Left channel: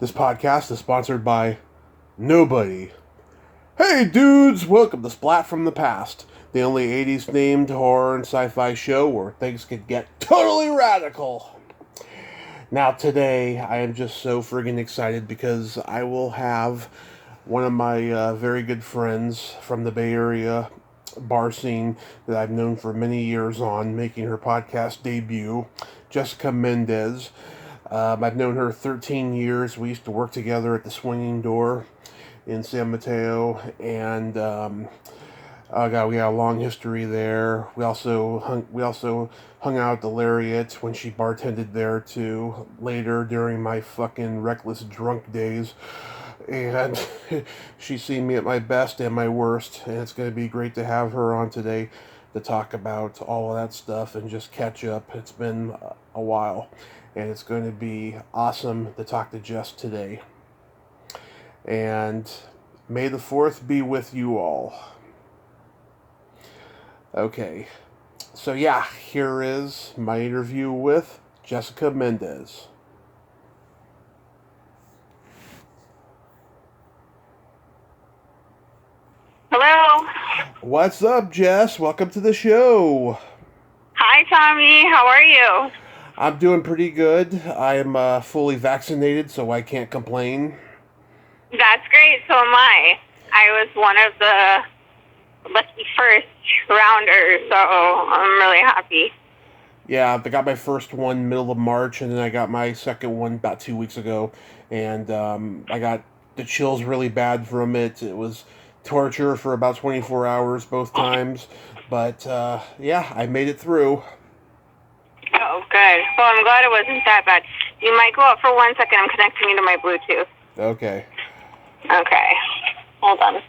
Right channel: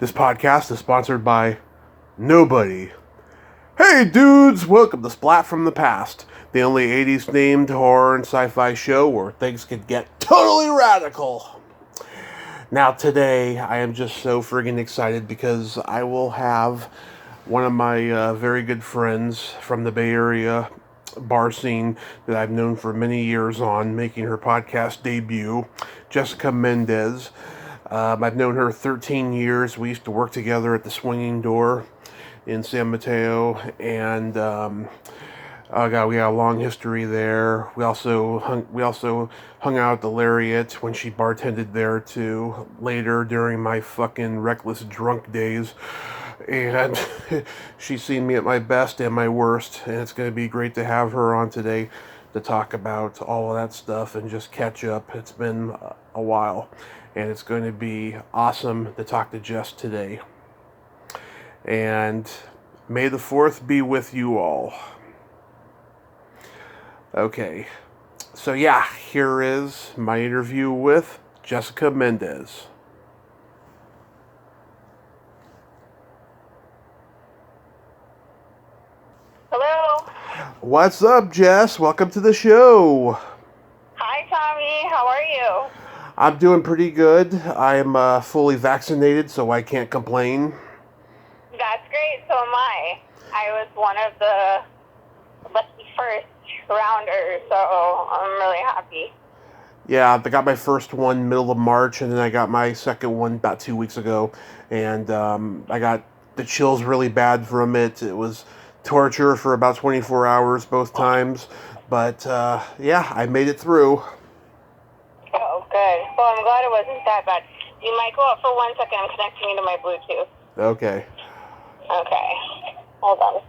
This podcast is sponsored by nobody. Hey dudes, welcome to Splat from the Past, the only 80s themed horror and sci-fi show where things could get totally radical. Now today, I am just so friggin' excited because I will have one of my very good friends from the Bay Area bar scene that I've known for many years on, making her podcast debut, Jessica Mendez. I've known her 13 years. We used to work together at the Swingin Door in San Mateo, and oh God, we got a long history there. We also hung out at the Lariat when she bartended there too. Later, during my fucking reckless drunk days, and she's seen me at my best and my worst, and it's going to be great to have her on today to talk about all of that stuff and just catch up. It's been a while, and it's going to be awesome to talk to Jess today. And may the 4th be with you all. Okay, so yeah, here is my interview with Jessica Mendez. Hello. What's up, Jess? Welcome to the show. Hi, Tommy. How are you? I'm doing pretty good. I am fully vaccinated, so I can't complain. That's great. So am I. I was one of the lucky first rounders, so I'm really happy. Yeah, I got my first one middle of March, and then I got my second one about 2 weeks ago, and I got the chills really bad from it. It was torture for about 24 hours both times, but yeah, I made it through. Oh, good. Well, I'm glad it wasn't that bad. You might go out for 1 second. I'm connecting you to my Bluetooth. Okay. Okay. Hold on.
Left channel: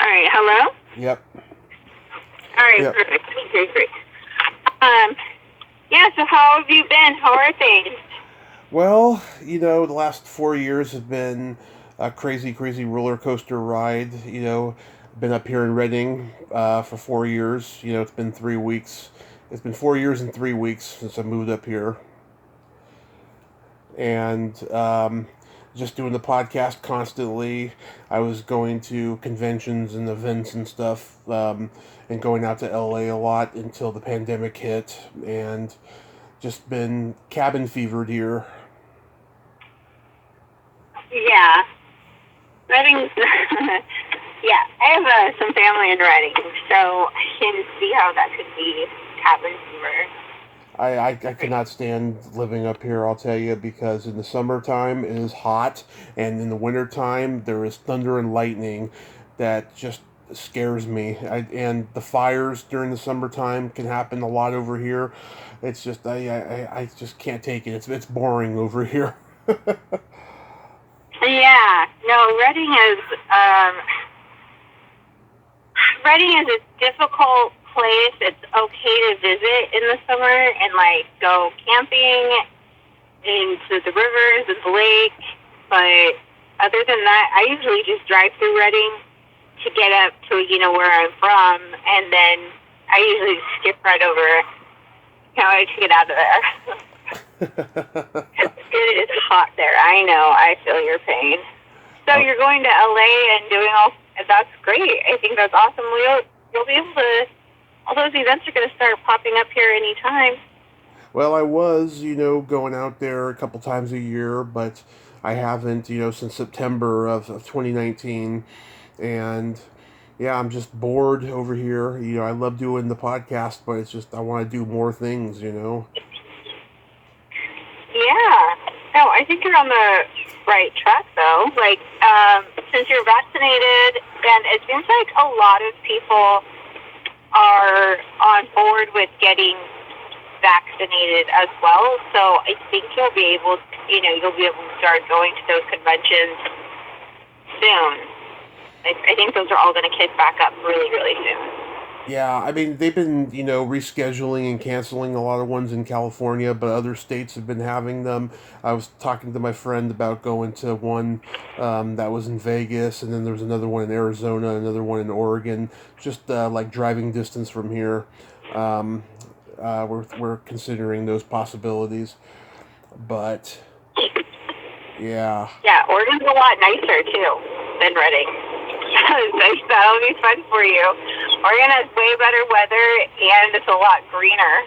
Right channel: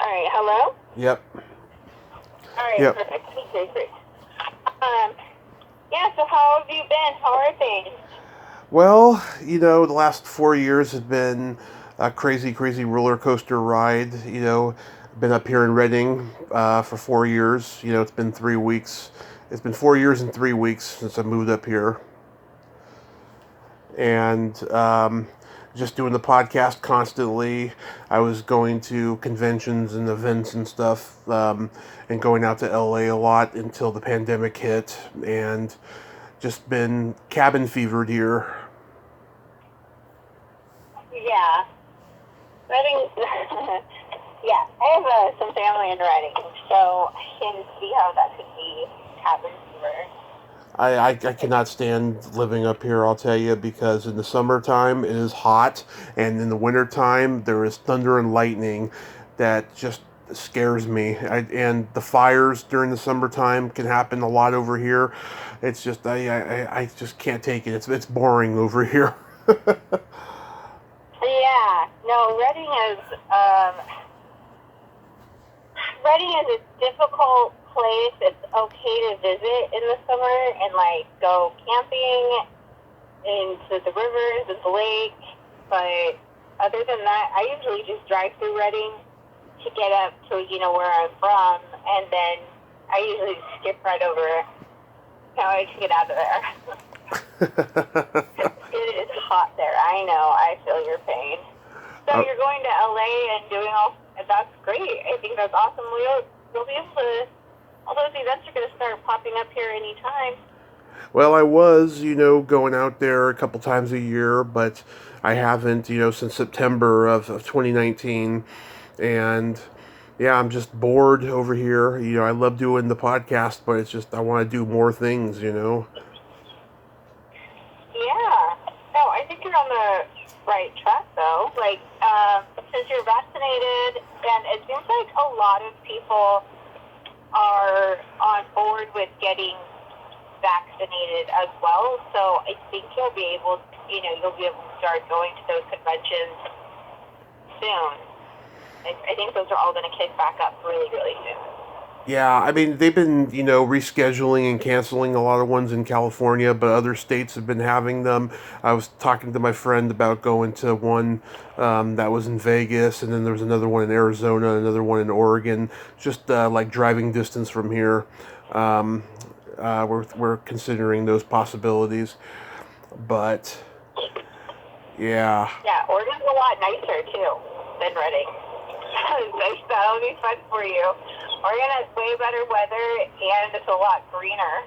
All right. Hello? Yep. All right. Yep. Perfect. Great. Yeah, so how have you been? How are things? Well, the last 4 years have been a crazy, crazy roller coaster ride. Been up here in Reading for 4 years. It's been 3 weeks. It's been 4 years and 3 weeks since I moved up here. And just doing the podcast constantly. I was going to conventions and events and stuff, and going out to LA a lot until the pandemic hit, and just been cabin fevered here. Yeah. Reading. Yeah, I have some family in Reading, so I can see how that could be cabin fever. I cannot stand living up here, I'll tell you, because in the summertime it is hot, and in the wintertime there is thunder and lightning that just scares me. And the fires during the summertime can happen a lot over here. It's just I just can't take it. It's boring over here. Yeah, no, Reading is a difficult place. It's okay to visit in the summer and go camping into the rivers and the lake, but other than that, I usually just drive through Reading to get up to where I'm from, and then I usually skip right over to get out of there. It is hot there. I know. I feel your pain. So you're going to LA and doing that's great. I think that's awesome. You'll be able to, all those events are going to start popping up here anytime. Well, I was, going out there a couple times a year, but I haven't, since September of 2019. And yeah, I'm just bored over here. I love doing the podcast, but it's just, I want to do more things. Yeah. No, I think you're on the right track, though. Since you're vaccinated, and it seems like a lot of people are on board with getting vaccinated as well. So I think you'll be able to start going to those conventions soon. I think those are all going to kick back up really, really soon. Yeah, I mean, they've been, rescheduling and canceling a lot of ones in California, but other states have been having them. I was talking to my friend about going to one that was in Vegas, and then there was another one in Arizona, another one in Oregon, just like driving distance from here. we're considering those possibilities. But yeah, Yeah, Oregon's a lot nicer too than Redding. That'll be fun for you. Oregon has way better weather and it's a lot greener.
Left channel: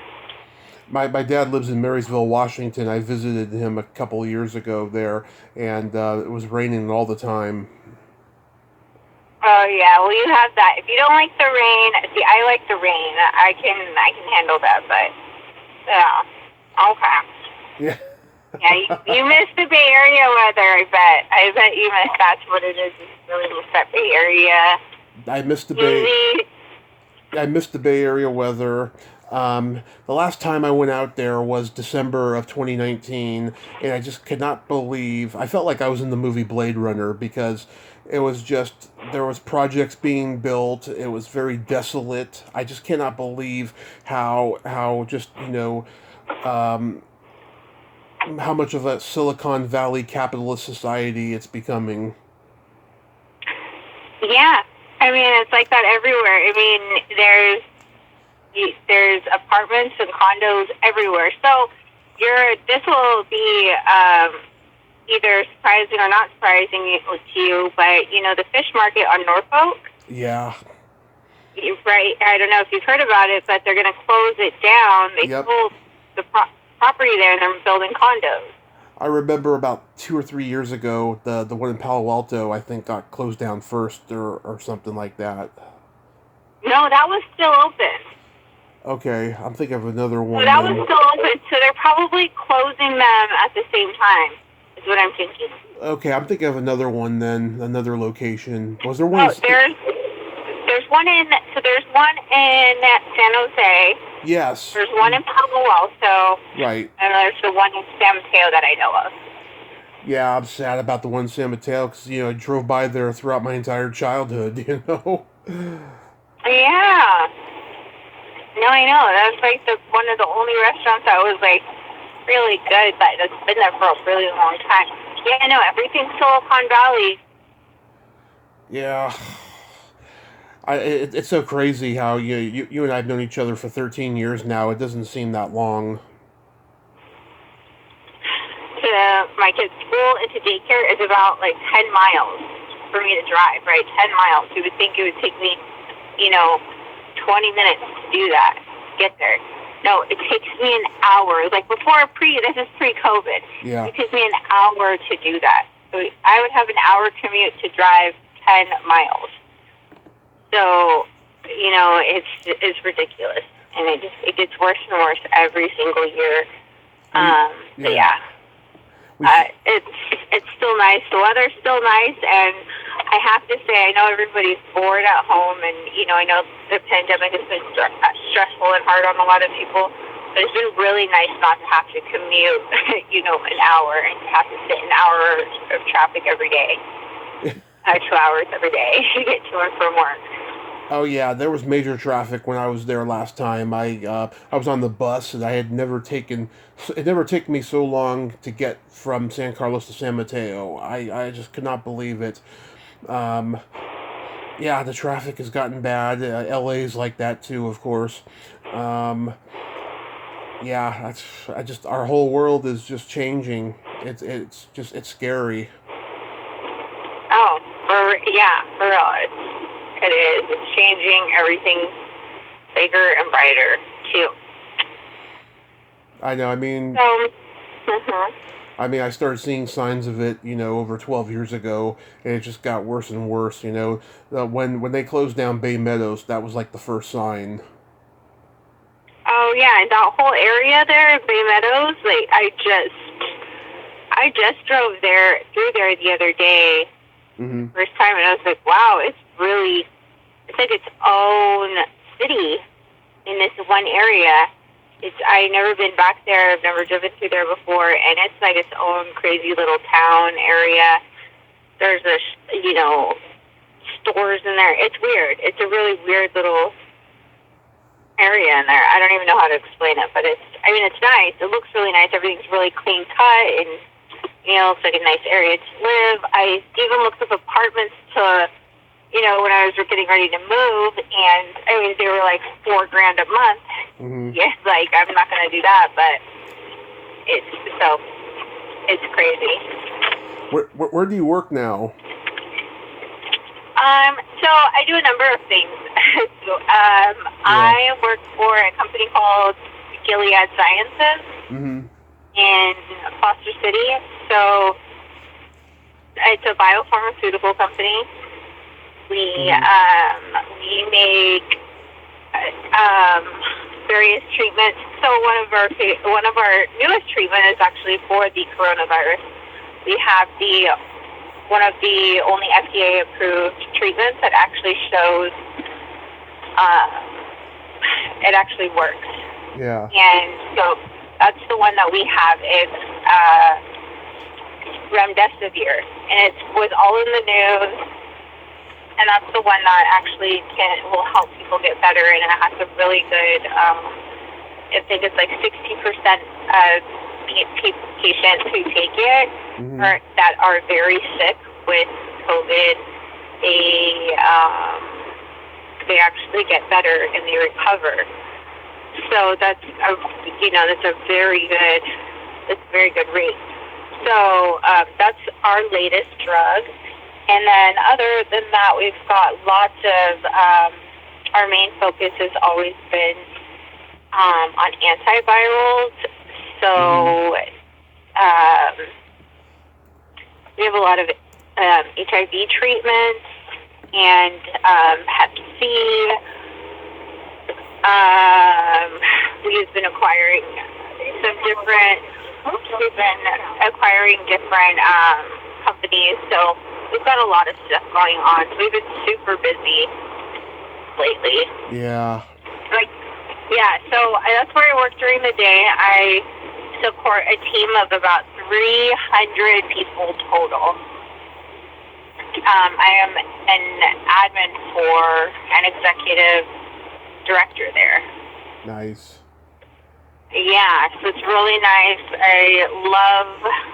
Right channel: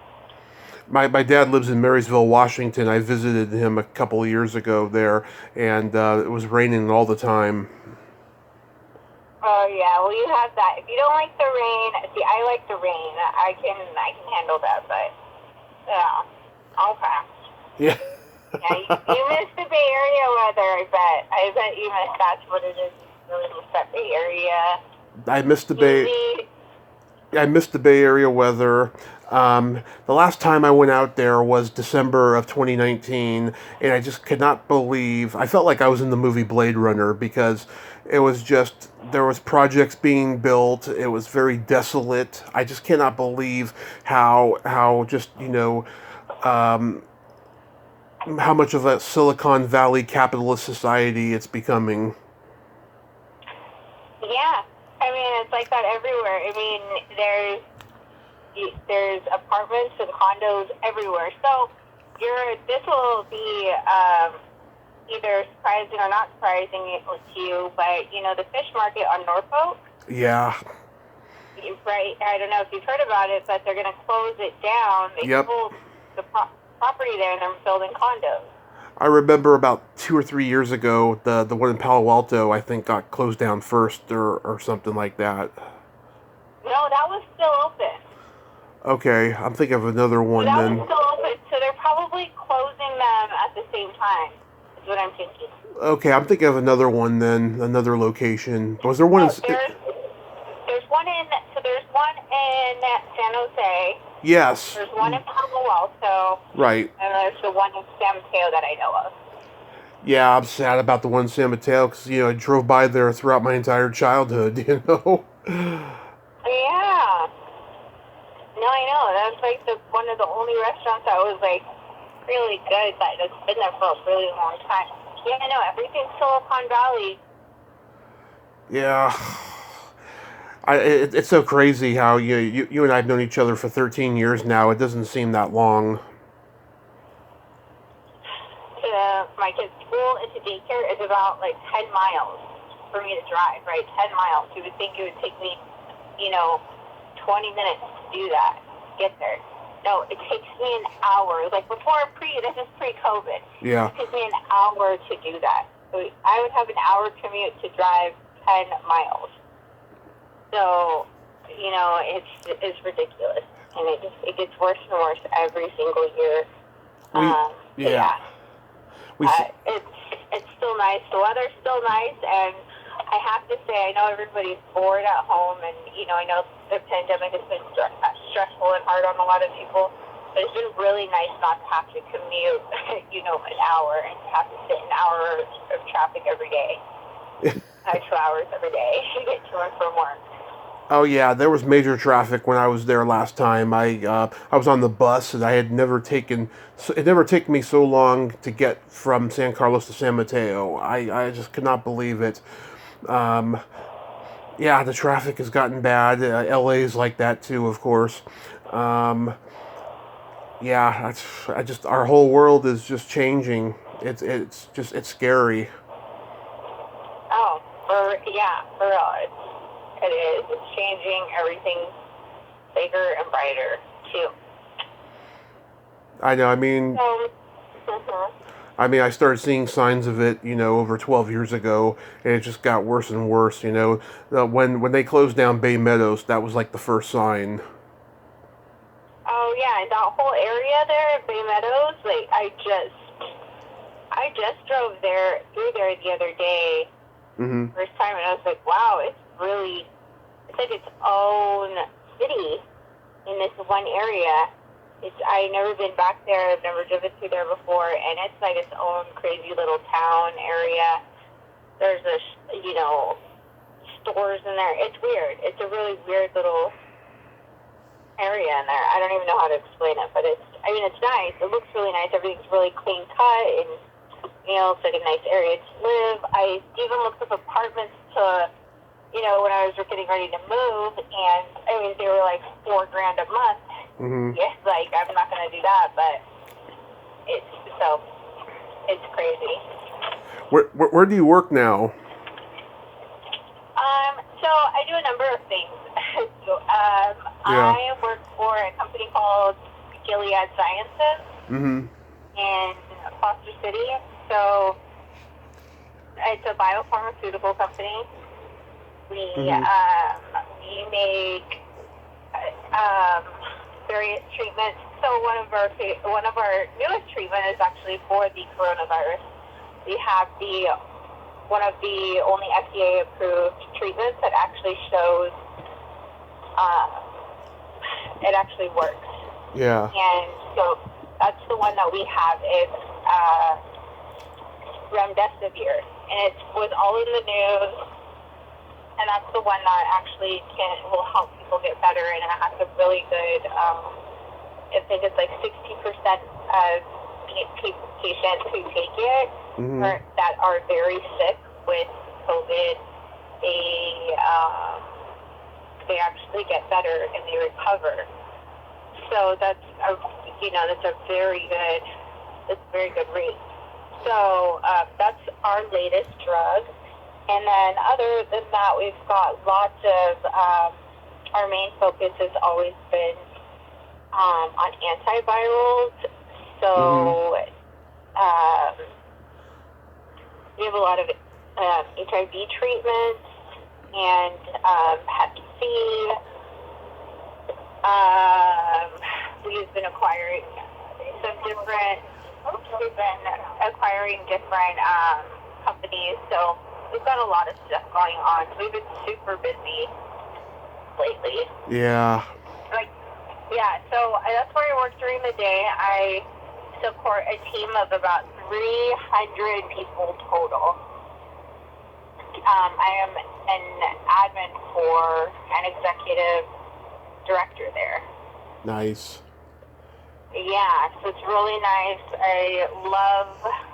my dad lives in Marysville, Washington. I visited him a couple of years ago there, and it was raining all the time. Oh yeah, well you have that. If you don't like the rain, see, I like the rain. I can handle that, but yeah, okay. Yeah. Yeah, you missed the Bay Area weather. I bet you missed. That's what it is. You really miss that Bay Area. I missed the Bay. I missed the Bay Area weather. The last time I went out there was December of 2019, and I just could not believe. I felt like I was in the movie Blade Runner because it was just there was projects being built. It was very desolate. I just cannot believe how just how much of a Silicon Valley capitalist society it's becoming. Yeah, I mean it's like that everywhere. I mean there's apartments and condos everywhere. So this will be either surprising or not surprising to you, but the fish market on Norfolk. Yeah. Right. I don't know if you've heard about it, but they're going to close it down. They sold the property there and they're building condos. I remember about 2 or 3 years ago, the one in Palo Alto, I think, got closed down first or something like that. No, that was still open. Okay, I'm thinking of another one. So that was still open, so they're probably closing them at the same time, is what I'm thinking. Okay, I'm thinking of another one then, another location. Was there one? There's one in San Jose. Yes. There's one in Palo Alto. Right. And there's the one in San Mateo that I know of. Yeah, I'm sad about the one in San Mateo because, I drove by there throughout my entire childhood, Yeah. No, I know. That was like one of the only restaurants that was like really good, but it's been there for a really long time. Yeah, I know. Everything's Silicon Valley. Yeah. It's so crazy how you and I have known each other for 13 years now. It doesn't seem that long. To my kid's school and to daycare is about like 10 miles for me to drive, right? 10 miles. You would think it would take me, 20 minutes to do that, get there. No, it takes me an hour. Like this is pre-COVID. Yeah. It takes me an hour to do that. So I would have an hour commute to drive 10 miles. So, it's ridiculous. And it gets worse and worse every single year. Yeah. It's still nice. The weather's still nice, and I have to say, I know everybody's bored at home, and I know the pandemic has been stressful and hard on a lot of people. But it's been really nice not to have to commute, an hour and to have to sit an hour of traffic every day, 2 hours every day to get to and from work. Oh yeah, there was major traffic when I was there last time. I was on the bus, and it never taken me so long to get from San Carlos to San Mateo. I just could not believe it. Yeah, the traffic has gotten bad. LA's like that too, of course. Yeah, our whole world is just changing. It's scary. Oh, for real. It is. It's changing. Everything's bigger and brighter, too. I know. I mean, I started seeing signs of it, over 12 years ago, and it just got worse and worse. When they closed down Bay Meadows, that was like the first sign. Oh yeah, that whole area there, Bay Meadows. Like I just drove through there the other day. Mm-hmm. First time, and I was like, wow, it's like its own city in this one area. I've never been back there. I've never driven through there before, and it's like its own crazy little town area. There's stores in there. It's weird. It's a really weird little area in there. I don't even know how to explain it, but it's nice. It looks really nice. Everything's really clean cut, and it's like a nice area to live. I even looked up apartments to, when I was getting ready to move, and they were like $4,000 a month. Mm-hmm. Yes, like I'm not gonna do that, but it's crazy. Where do you work now? So I do a number of things. Yeah. I work for a company called Gilead Sciences Mm-hmm. in Foster City. So it's a biopharmaceutical company. We make various treatments. So one of our newest treatment is actually for the coronavirus. We have one of the only FDA approved treatments that actually shows it actually works. Yeah. And so that's the one that we have is remdesivir, and it was all in the news. And that's the one that actually will help people get better, and it has a really good. I think it's like 60% of patients who take it that are very sick with COVID, they actually get better and they recover. So that's a very good rate. So that's our latest drug. And then other than that, we've got lots of, our main focus has always been on antivirals. So we have a lot of HIV treatments and Hep C. We've been acquiring different companies. So we've got a lot of stuff going on. So we've been super busy lately. Yeah. So that's where I work during the day. I support a team of about 300 people total. I am an admin for an executive director there. Nice. Yeah, so it's really nice. I love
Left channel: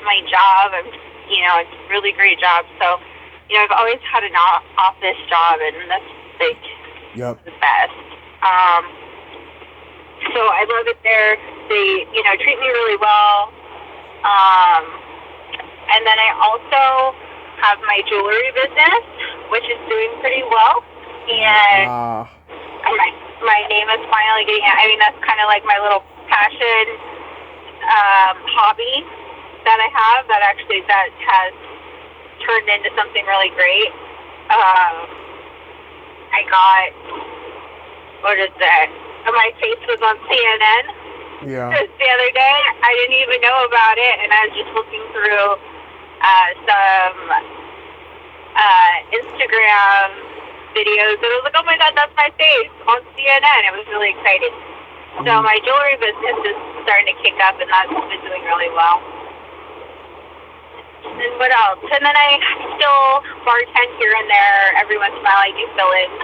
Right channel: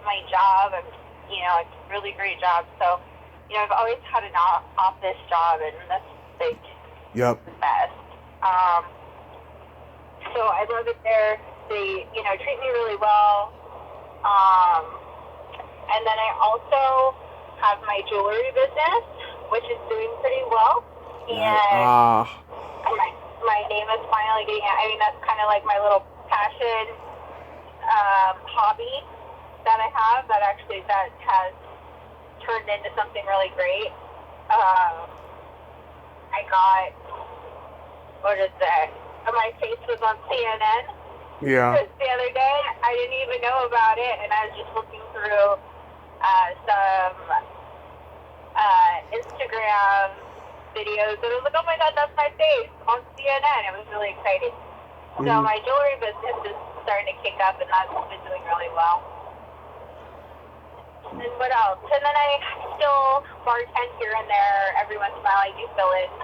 my job. It's a really great job. So, I've always had an office job, and that's like the best. So I love it there. They, treat me really well. And then I also have my jewelry business, which is doing pretty well. And my name is finally getting out. That's kind of like my little passion, hobby that I have that has turned into something really great. I got, my face was on CNN. Yeah. The other day, I didn't even know about it, and I was just looking through some Instagram videos, and I was like, oh my God, that's my face on CNN. It was really exciting. So my jewelry business is starting to kick up, and that's been doing really well. And what else? And then I still bartend here and there. Every once in a while I do fill-ins,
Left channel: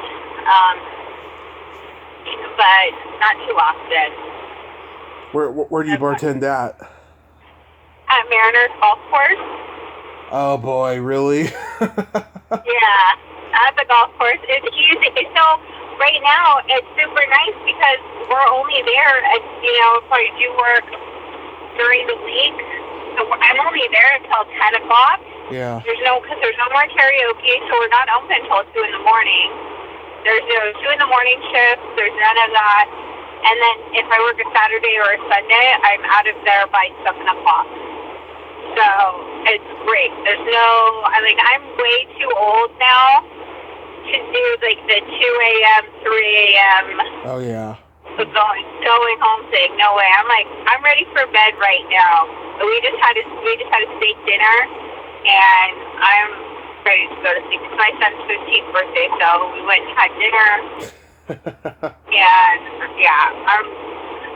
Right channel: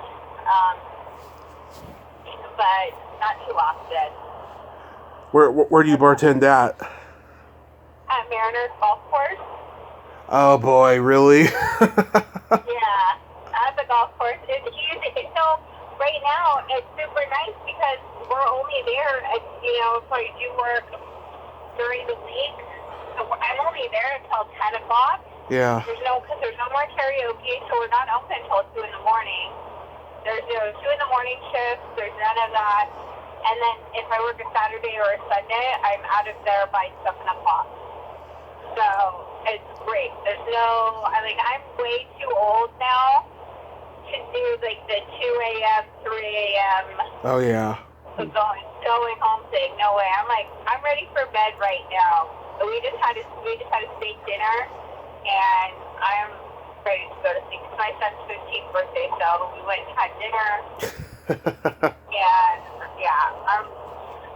but not too often. Where do you bartend at? At Mariners Golf Course. Oh boy, really? Yeah, at the golf course. It's huge. So right now it's super nice because we're only there, and if I do work during the week, so I'm only there until 10 o'clock. Yeah. There's no more karaoke, so we're not open until 2 in the morning. There's no 2 in the morning shift. There's none of that. And then if I work a Saturday or a Sunday, I'm out of there by 7 o'clock. So it's great. There's I'm way too old now to do like the 2 a.m., 3 a.m. Oh yeah. Going home thing. No way. I'm ready for bed right now. But we just had a steak dinner, and I'm ready to go to sleep. It's my son's 15th birthday, so we went and had dinner. And I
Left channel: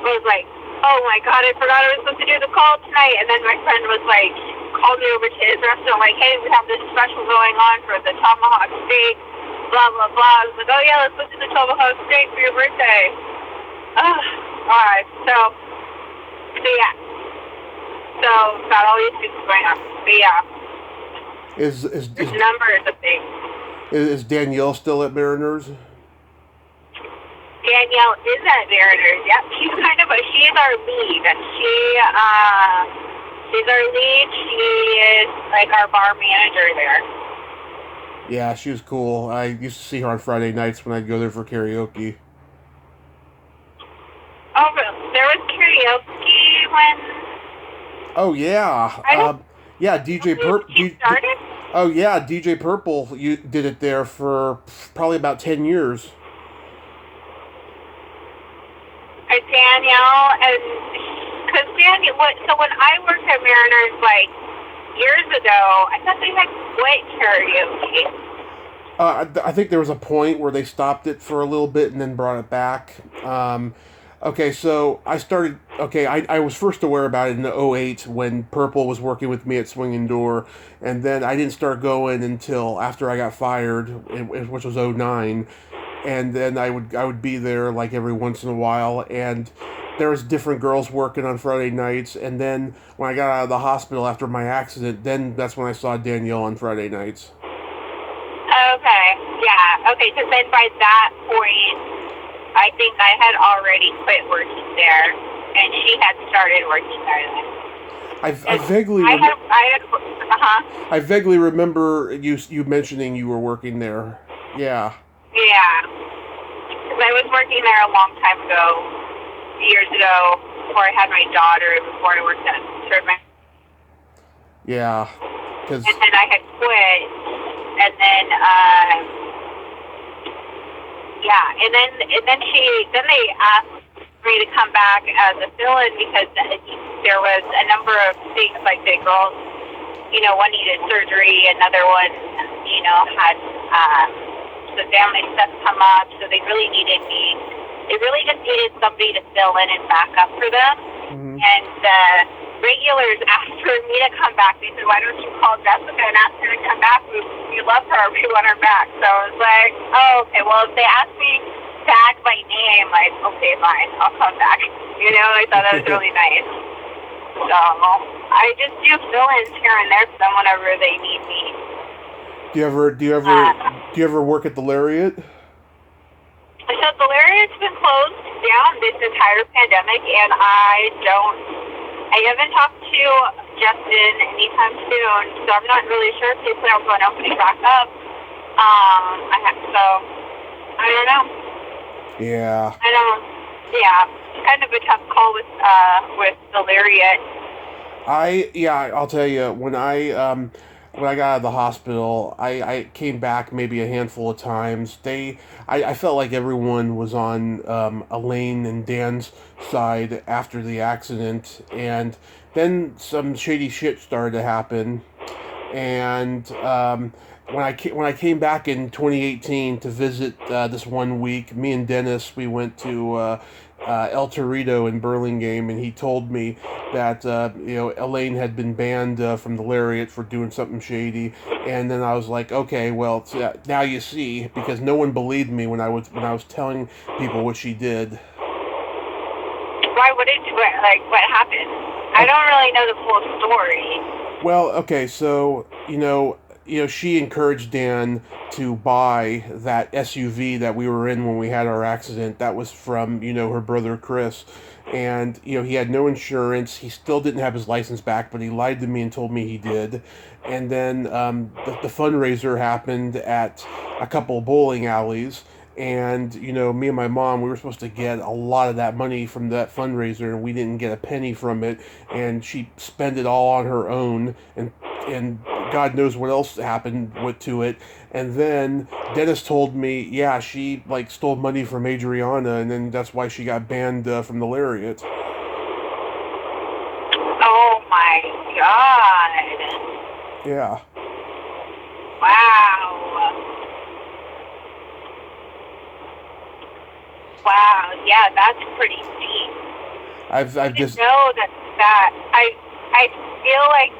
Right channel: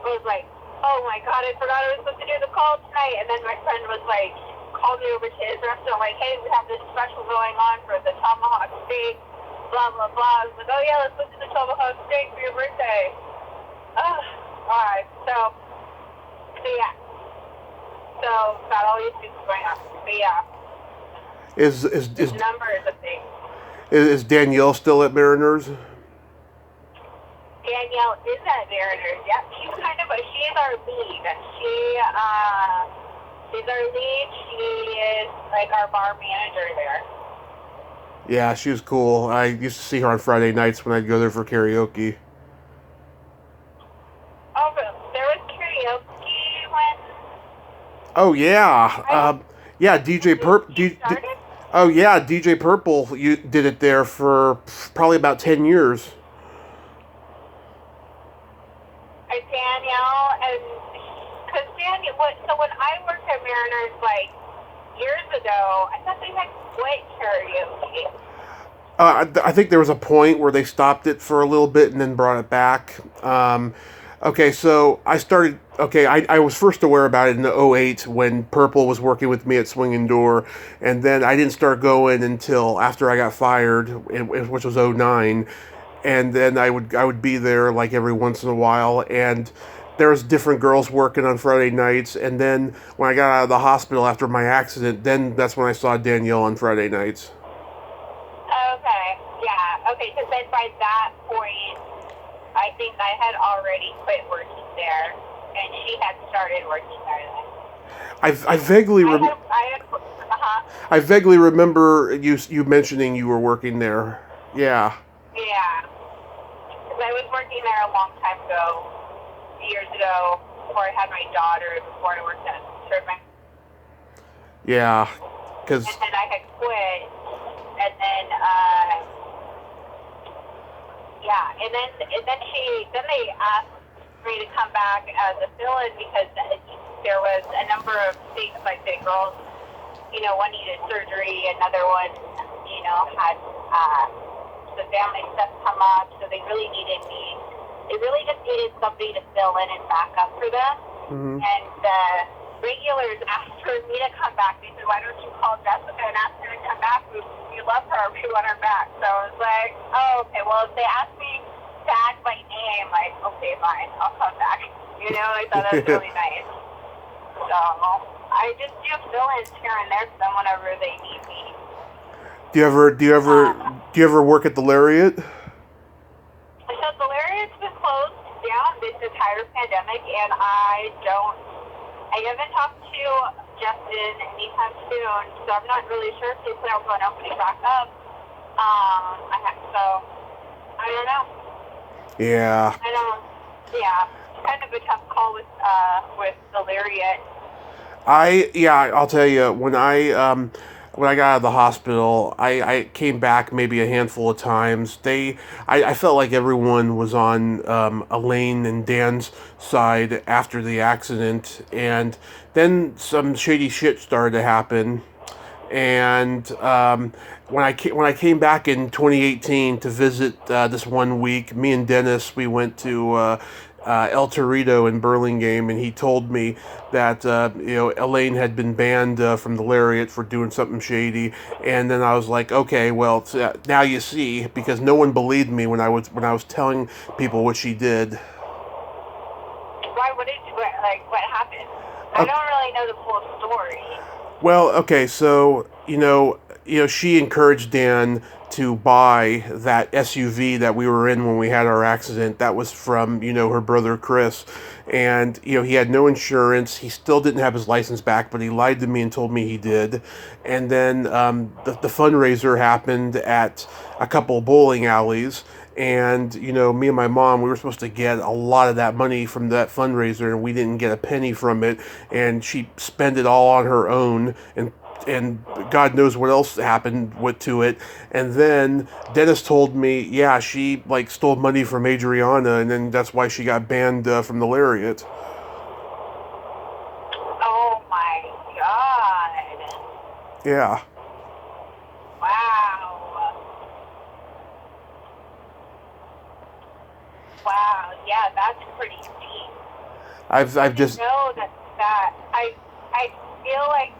was like, oh my God, I forgot I was supposed to do the call tonight. And then my friend was like, called me over to his restaurant, like, hey, we have this special going on for the tomahawk steak, blah, blah, blah. I was like, oh yeah, let's go to the tomahawk steak for your birthday. Oh, alright, so yeah. So, got all these things going on. But yeah. Is number is a thing. Is Danielle still at Mariners? Danielle Danielle is at Mariners. Yep, she's our lead. She's our lead. She is like our bar manager there. Yeah, she was cool. I used to see her on Friday nights when I'd go there for karaoke. Oh, there was karaoke when. Oh yeah, yeah. DJ Oh yeah, DJ Purple. You did it there for probably about 10 years. Danielle and because Danielle. So when I worked at Mariners like years ago, I thought they had quit karaoke. I think there was a point where they stopped it for a little bit and then brought it back. Okay, so I started. Okay, I was first aware about it in '08 when Purple was working with me at Swingin Door, and then I didn't start going until after I got fired, which was '09, and then I would be there like every once in a while, and there was different girls working on Friday nights, and then when I got out of the hospital after my accident, then that's when I saw Danielle on Friday nights. Okay, yeah, okay, because then by that point, I think I had already quit working there, and she had started working there. I vaguely remember you mentioning you were working there. Yeah. Yeah. Because I was working there a long time ago, years ago, before I had my daughter, before I worked at Throwback. Yeah, because. And then I had quit, and then then they asked me to come back as a fill-in because there was a number of things like the girls, one needed surgery, another one, had the family stuff come up, so they really needed me. They really just needed somebody to fill in and back up for them. Mm-hmm. And the regulars asked for me to come back. They said, "Why don't you call Jessica and ask her to come back? We love her. We want her back." So I was like, "Oh, okay. Well, if they ask me back by name, like, okay, fine, I'll come back." I thought that was really nice. So I just do fill-ins here and there for them whenever they need me. Do you ever work at the Lariat? So the Lariat's been closed down this entire pandemic, and I haven't talked to Justin anytime soon, so I'm not really sure if they plan on opening back up. I don't know. Yeah. Yeah, it's kind of a tough call with the Lariat. I'll tell you, when I got out of the hospital, I came back maybe a handful of times. I felt like everyone was on Elaine and Dan's side after the accident, and then some shady shit started to happen. And when I came back in 2018 to visit this one week, me and Dennis, we went to El Torito in Burlingame, and he told me that Elaine had been banned from the Lariat for doing something shady. And then I was like, okay, well, now you see, because no one believed me when I was telling people what she did. Why? What happened? I don't really know the full story. Well, okay, so she encouraged Dan to buy that SUV that we were in when we had our accident. That was from her brother Chris, and he had no insurance. He still didn't have his license back, but he lied to me and told me he did. And then the fundraiser happened at a couple of bowling alleys. And, me and my mom, we were supposed to get a lot of that money from that fundraiser, and we didn't get a penny from it. And she spent it all on her own, and God knows what else happened to it. And then Dennis told me, yeah, she stole money from Adriana, and then that's why she got banned from the Lariat. Oh my God. Yeah. Wow, yeah, that's pretty deep. I've just know that I feel like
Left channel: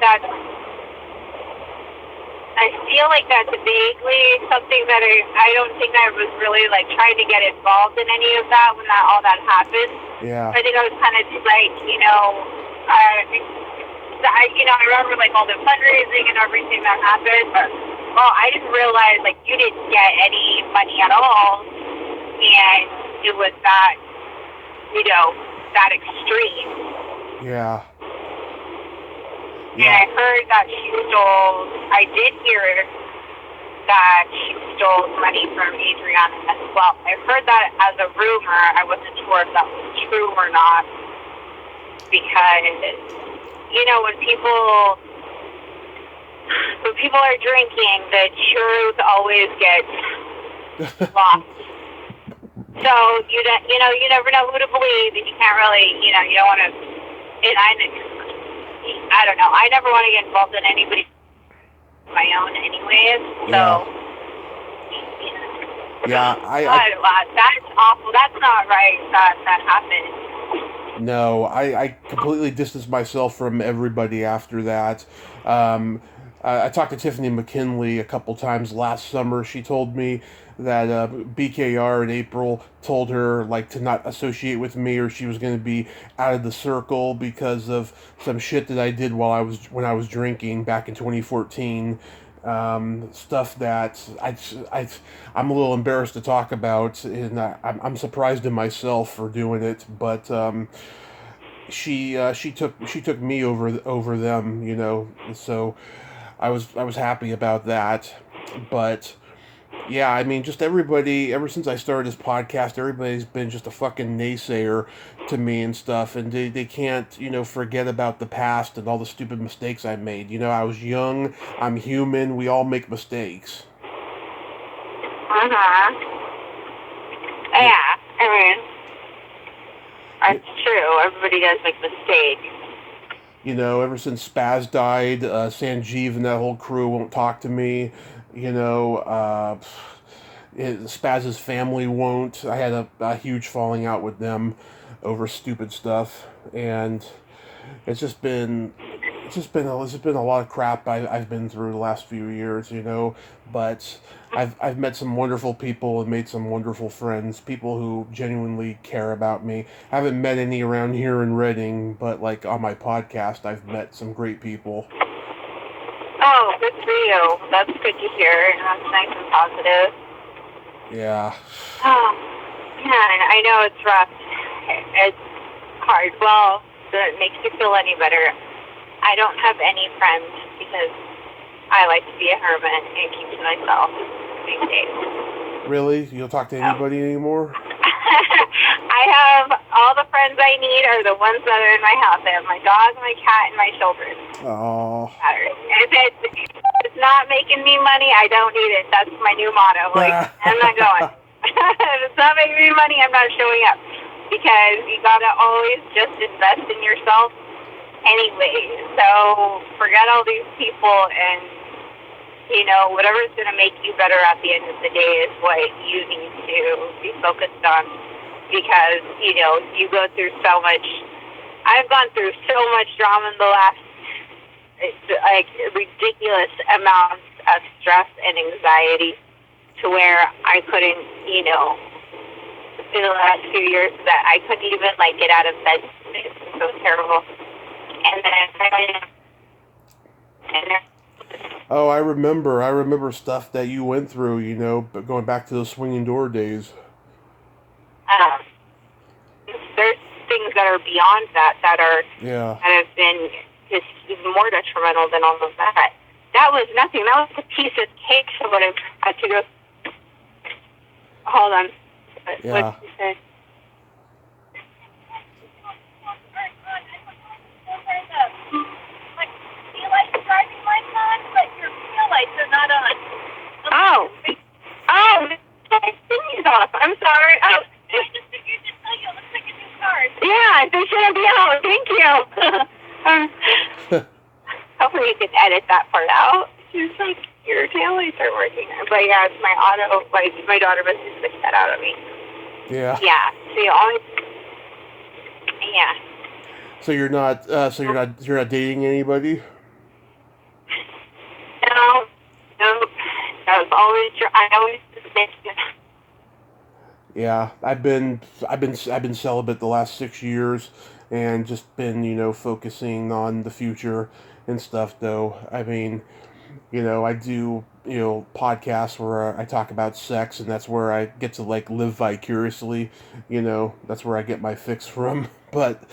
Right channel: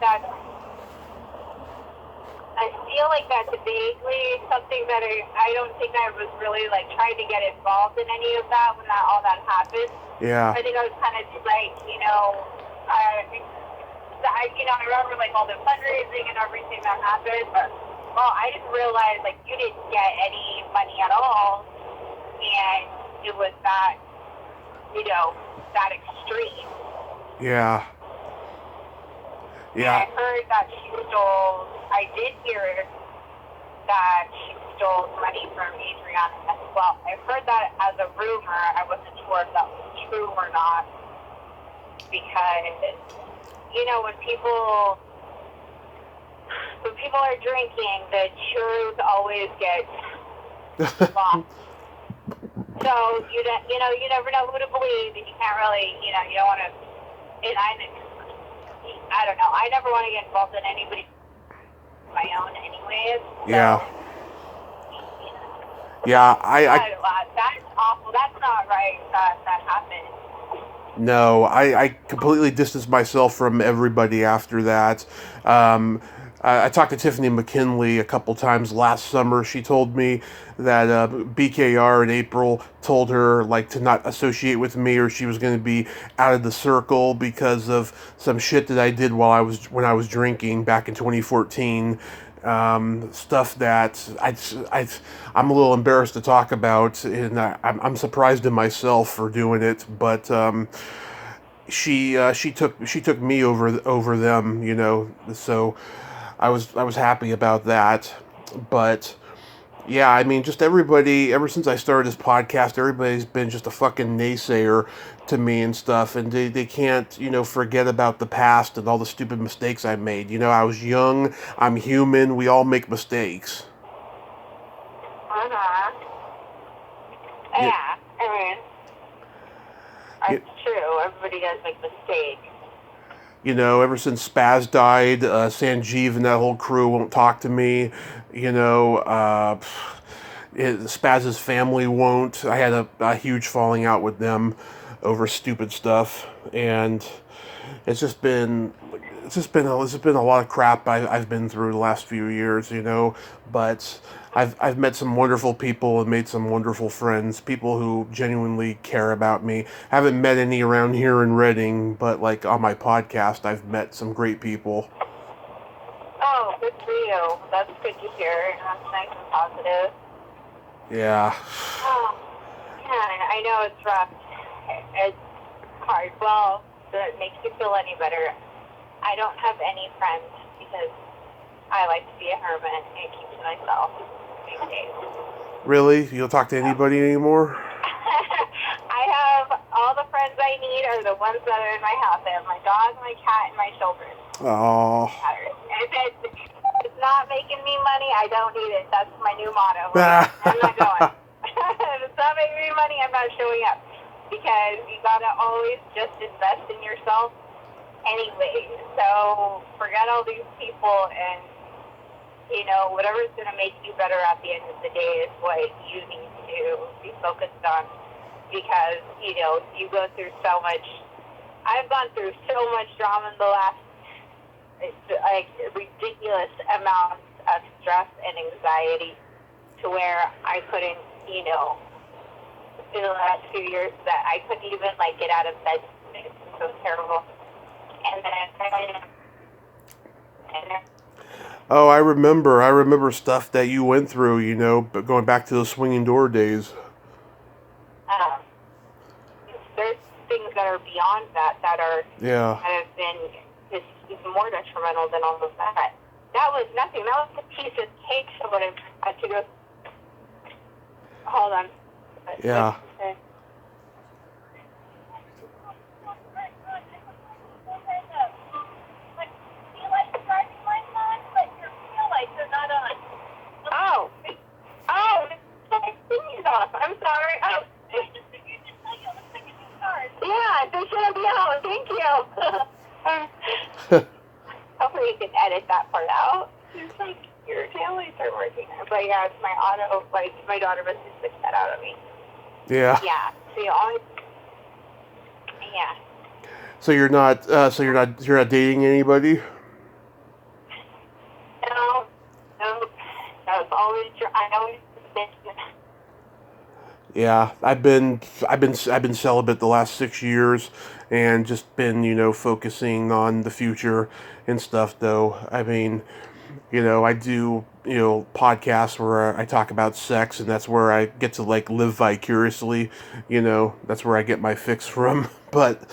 that's vaguely something that I don't think I was really trying to get involved in any of that when all that happened. Yeah. I think I was kind of I remember all the fundraising and everything that happened, but I didn't realize you didn't get any money at all. And it was that, that extreme. Yeah. And I heard that I did hear that she stole money from Adriana as well. I heard that as a rumor. I wasn't sure if that was true or not. Because, when people are drinking, the truth always gets lost. So, you never know who to believe, and you can't really, you don't want to, and I don't know, I never want to get involved in anybody my own anyways. So, yeah. Yeah, that's awful. That's not right that happened. No, I completely distanced myself from everybody after that. I talked to Tiffany McKinley a couple times last summer. She told me that BKR in April told her to not associate with me, or she was going to be out of the circle because of some shit that I did when I was drinking back in 2014. Stuff that I'm a little embarrassed to talk about, and I'm surprised in myself for doing it. But she took me over them, so I was happy about that. But yeah, I mean, just everybody, ever since I started this podcast, everybody's been just a fucking naysayer to me and stuff, and they can't, forget about the past and all the stupid mistakes I made. I was young, I'm human, we all make mistakes. Uh-huh. Yeah, I mean, that's true. Everybody does make mistakes. Ever since Spaz died, Sanjeev and that whole crew won't talk to me. Spaz's family won't. I had a huge falling out with them over stupid stuff, and it's just been a lot of crap I've been through the last few years, but I've met some wonderful people and made some wonderful friends, people who genuinely care about me. I haven't met any around here in Reading, but on my podcast, I've met some great people. Oh, good for you. That's good to hear. That's nice and positive. Yeah. Oh, man, I know it's rough. It's hard. Well, if it makes you feel any better, I don't have any friends because I like to be a hermit and keep to myself these days. Really? You don't talk to anybody anymore? I have all the friends I need are the ones that are in my house. I have my dog, my cat, and my children. Oh. If it's not making me money, I don't need it. That's my new motto. I'm not going. If it's not making me money, I'm not showing up. Because you gotta always just invest in yourself anyway. So forget all these people, and whatever's gonna make you better at the end of the day is what you need to be focused on. Because you go through so much. I've gone through so much drama in the last ridiculous amounts of stress and anxiety to where I couldn't, in the last few years, that I couldn't even get out of bed. It was so terrible. And then oh, I remember stuff that you went through, but going back to those swinging door days. There's things that are beyond that have been just more detrimental than all of that. That was nothing. That was a piece of cake for what I've had to go. Hold on. Yeah. Off. I'm sorry. Oh. Yeah, they shouldn't be out. Thank you. Hopefully you can edit that part out. It's your taillights are working. But yeah, it's my auto. My daughter must have switched that out of me. Yeah. Yeah. So you always. Yeah. So you're not dating anybody? No. I always Yeah, I've been celibate the last 6 years, and just been focusing on the future and stuff. Though I mean, I do podcasts where I talk about sex, and that's where I get to like live vicariously. That's where I get my fix from. But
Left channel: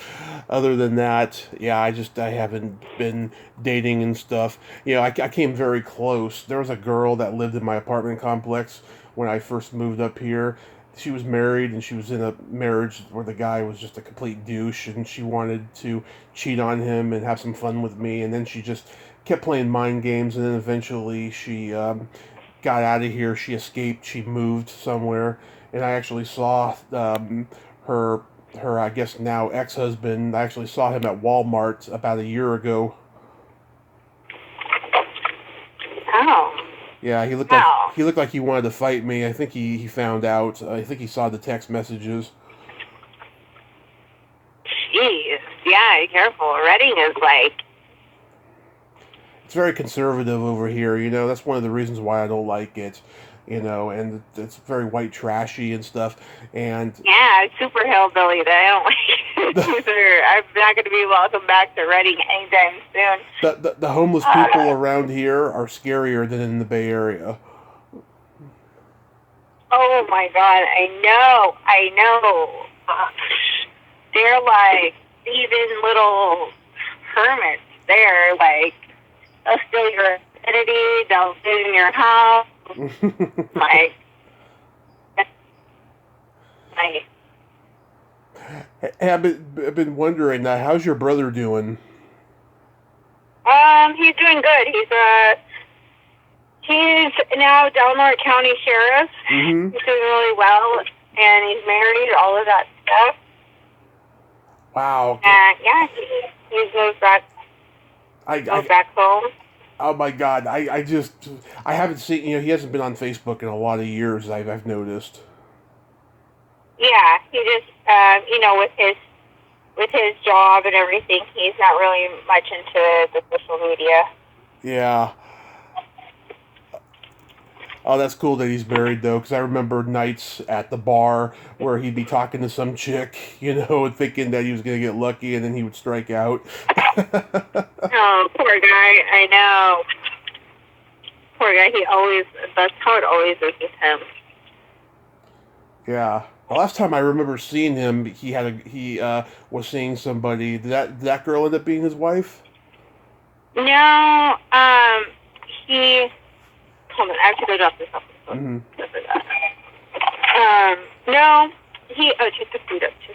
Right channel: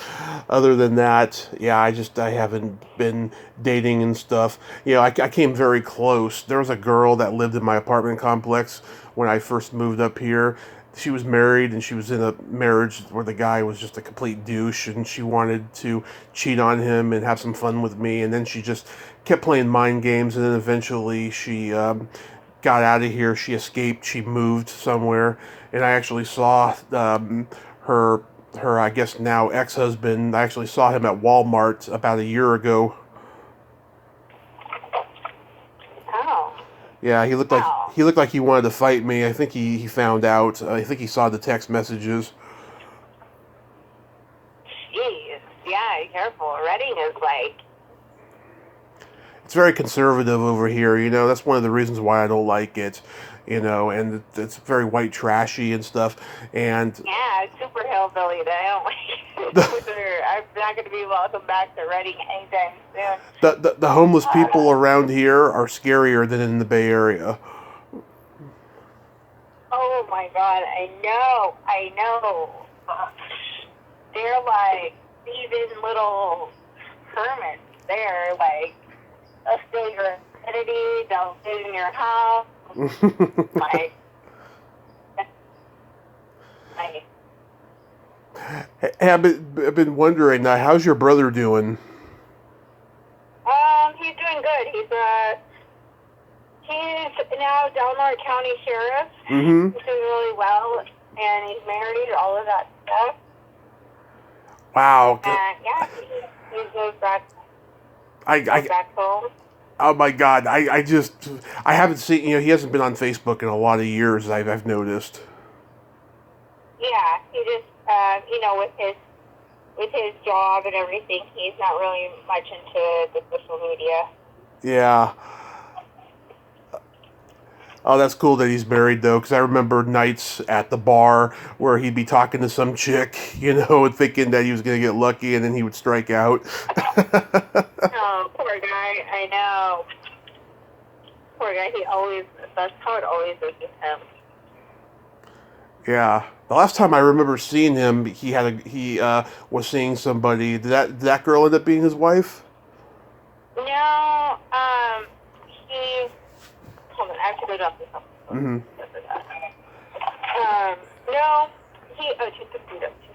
other than that, yeah, I haven't been dating and stuff. I came very close. There was a girl that lived in my apartment complex when I first moved up here. She was married, and she was in a marriage where the guy was just a complete douche, and she wanted to cheat on him and have some fun with me, and then she just kept playing mind games, and then eventually she got out of here. She escaped. She moved somewhere, and I actually saw her I guess now ex-husband. I actually saw him at Walmart about a year ago. Oh. Yeah, he looked like Wow. he wanted to fight me. I think he found out. I think he saw the text messages. Jeez. Yeah, be careful. Reading is like... It's very conservative over here. That's one of the reasons why I don't like it. And it's very white trashy and stuff. And Yeah, it's super hillbilly that I don't like it either. I'm not going to be welcome back to Reading anytime soon. the homeless people around here are scarier than in the Bay Area. Oh my God, I know. They're like even little hermits there, like they'll steal your identity, they'll sit in your house, like, Hey, I've been wondering, how's your brother doing? he's doing good. He's now Delaware County Sheriff. Mm-hmm. He's doing really well, and he's married, all of that stuff. Wow. And yeah, he moved back. Back home. Oh my God! I haven't seen. He hasn't been on Facebook in a lot of years. I've noticed. Yeah, he just with his job and everything, he's not really much into the social media. Yeah. Oh, that's cool that he's married, though, because I remember nights at the bar where he'd be talking to some chick, and thinking that he was going to get lucky, and then he would strike out. Oh, poor guy. I know. Poor guy. That's how it always is with him. Yeah. The last time I remember seeing him, he was seeing somebody. Did that girl end up being his wife? No, hold on, I have to go drop this off. Mm-hmm. No, take the food up too.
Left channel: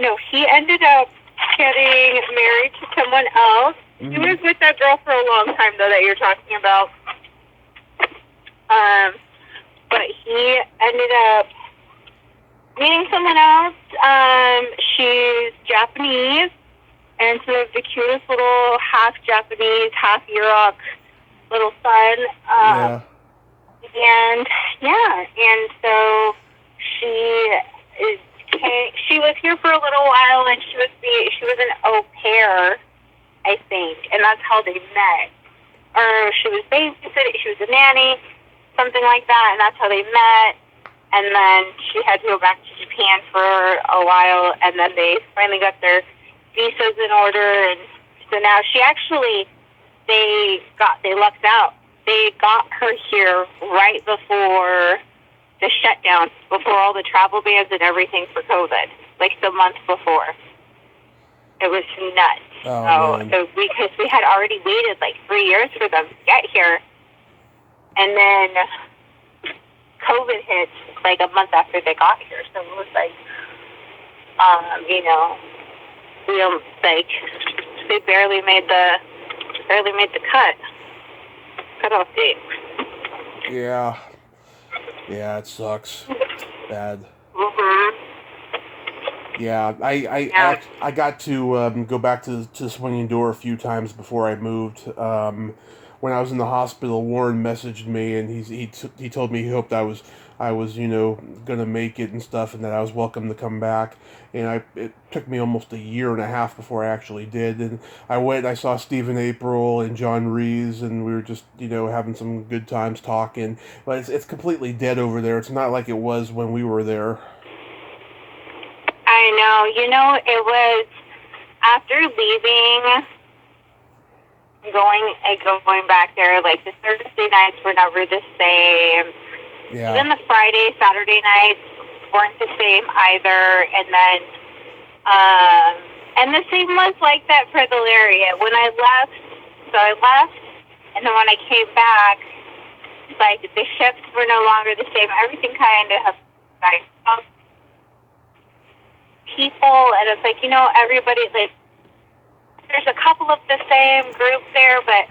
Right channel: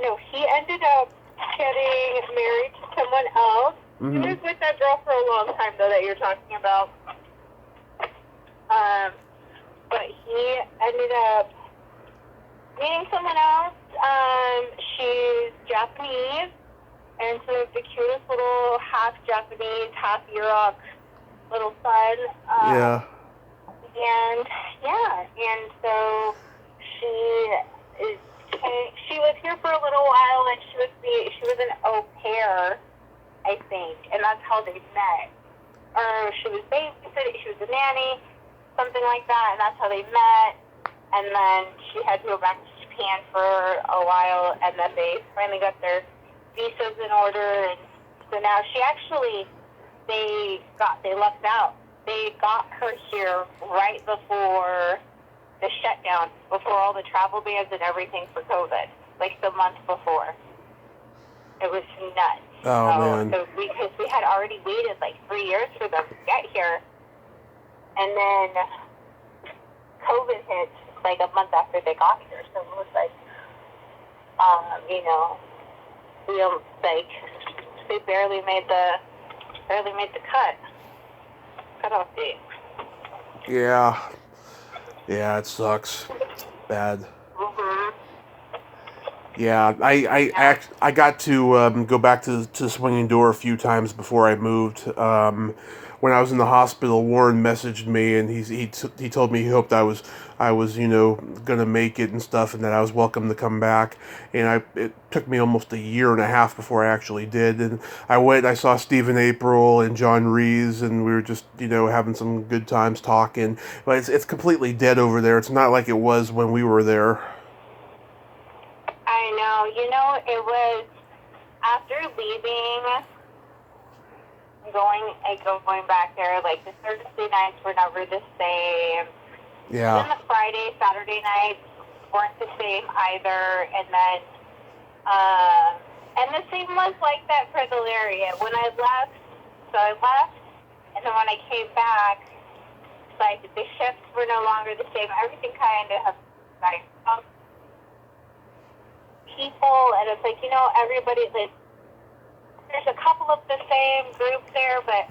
No, he ended up getting married to someone else. Mm-hmm. He was with that girl for a long time, though, that you're talking about. But he ended up meeting someone else. She's Japanese, and so the cutest little half Japanese, half Europe little son. Yeah. And so she was here for a little while, and she was an au pair, I think, and that's how they met. Or she was babysitting, she was a nanny, something like that, and that's how they met. And then she had to go back to Japan for a while, and then they finally got their visas in order, and so now they lucked out. They got her here right before the shutdown, before all the travel bans and everything for COVID, like the month before. It was nuts. Oh, man. So because we had already waited like 3 years for them to get here, and then COVID hit like a month after they got here. So it was like, they barely made the cutoff date. Yeah, it sucks. Bad. Mhm. Yeah, I got to go back to Swinging Door a few times before I moved. When I was in the hospital, Warren messaged me, and he told me he hoped I was gonna make it and stuff, and that I was welcome to come back. And it took me almost a year and a half before I actually did. And I went, I saw Stephen April and John Rees, and we were just having some good times talking. But it's completely dead over there. It's not like it was when we were there. I know. It was after leaving going back there. Like, the Thursday nights were never the same. Yeah. And then the Friday, Saturday nights weren't the same either. And the same was like that for the Lariat. When I left, and then when I came back, like, the shifts were no longer the same. Everything kind of like people, and it's like, everybody, like, there's a couple of the same group there, but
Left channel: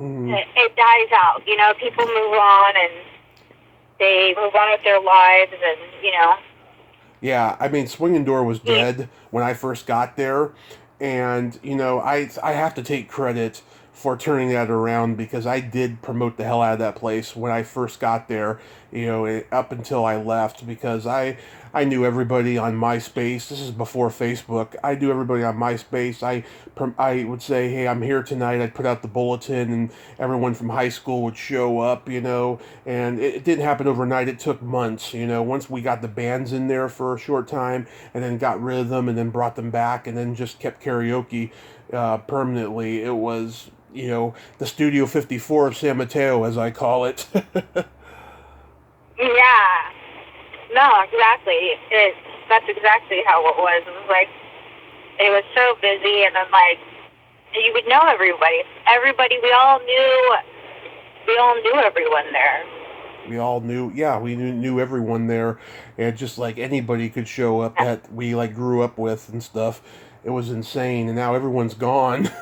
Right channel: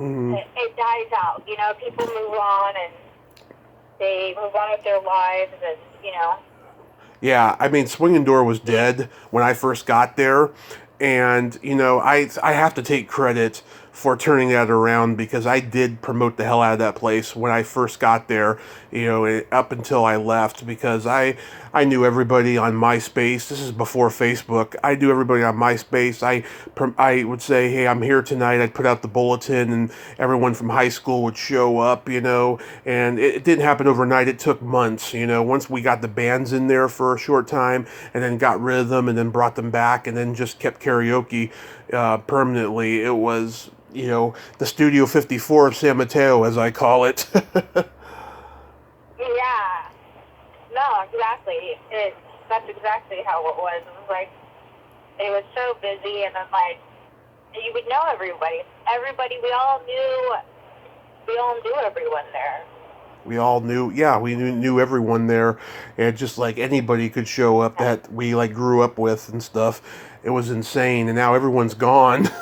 it dies out. People move on, and they move on with their lives, and, Yeah, I mean, Swingin Door was dead when I first got there, and I have to take credit for turning that around because I did promote the hell out of that place when I first got there, up until I left, because I knew everybody on MySpace. This is before Facebook. I knew everybody on MySpace. I would say, hey, I'm here tonight. I'd put out the bulletin, and everyone from high school would show up, and it didn't happen overnight. It took months, once we got the bands in there for a short time and then got rid of them and then brought them back and then just kept karaoke permanently. It was, the Studio 54 of San Mateo, as I call it. Yeah. No, exactly. That's exactly how it was. It was like, it was so busy, and then, like, you would know everybody. We all knew everyone there. We all knew, we knew everyone there, and just like anybody could show up that we like grew up with and stuff. It was insane, and now everyone's gone.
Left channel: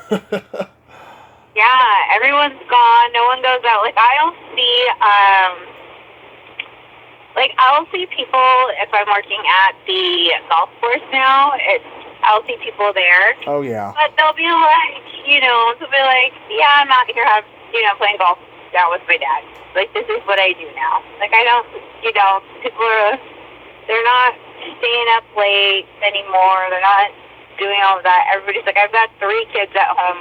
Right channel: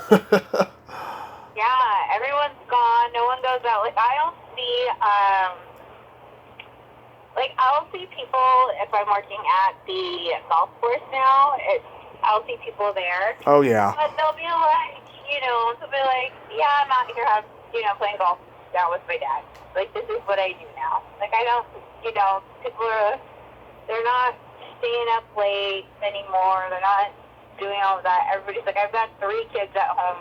Yeah, everyone's gone. No one goes out. Like, I don't see, I'll see people if I'm working at the golf course now. I'll see people there. Oh, yeah. But they'll be like, yeah, I'm out here, playing golf down with my dad. Like, this is what I do now. Like, I don't, people they're not staying up late anymore. They're not doing all of that. Everybody's like, I've got 3 kids at home.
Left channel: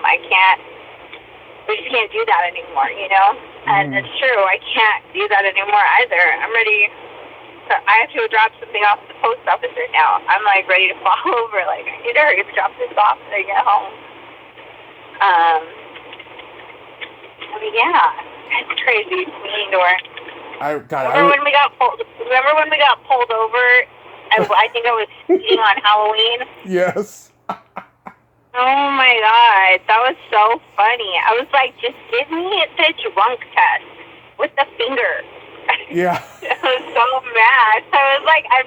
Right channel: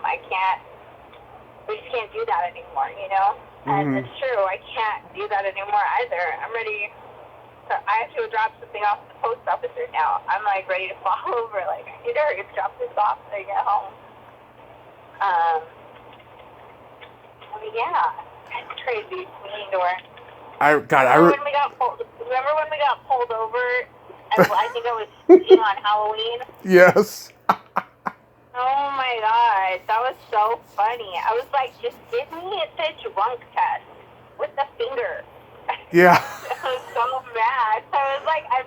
We just can't do that anymore, And it's true, I can't do that anymore either. I'm ready. I have to drop something off at the post office right now. I'm, like, ready to fall over. Like, I need to hurry to drop this off when I get home. Yeah, it's crazy. Swingin Door. Remember when we got pulled over? I think I was skiing on Halloween. Yes. Oh my God, that was so funny. I was like, just give me the drunk test with the finger. Yeah. I was so mad. I was like, I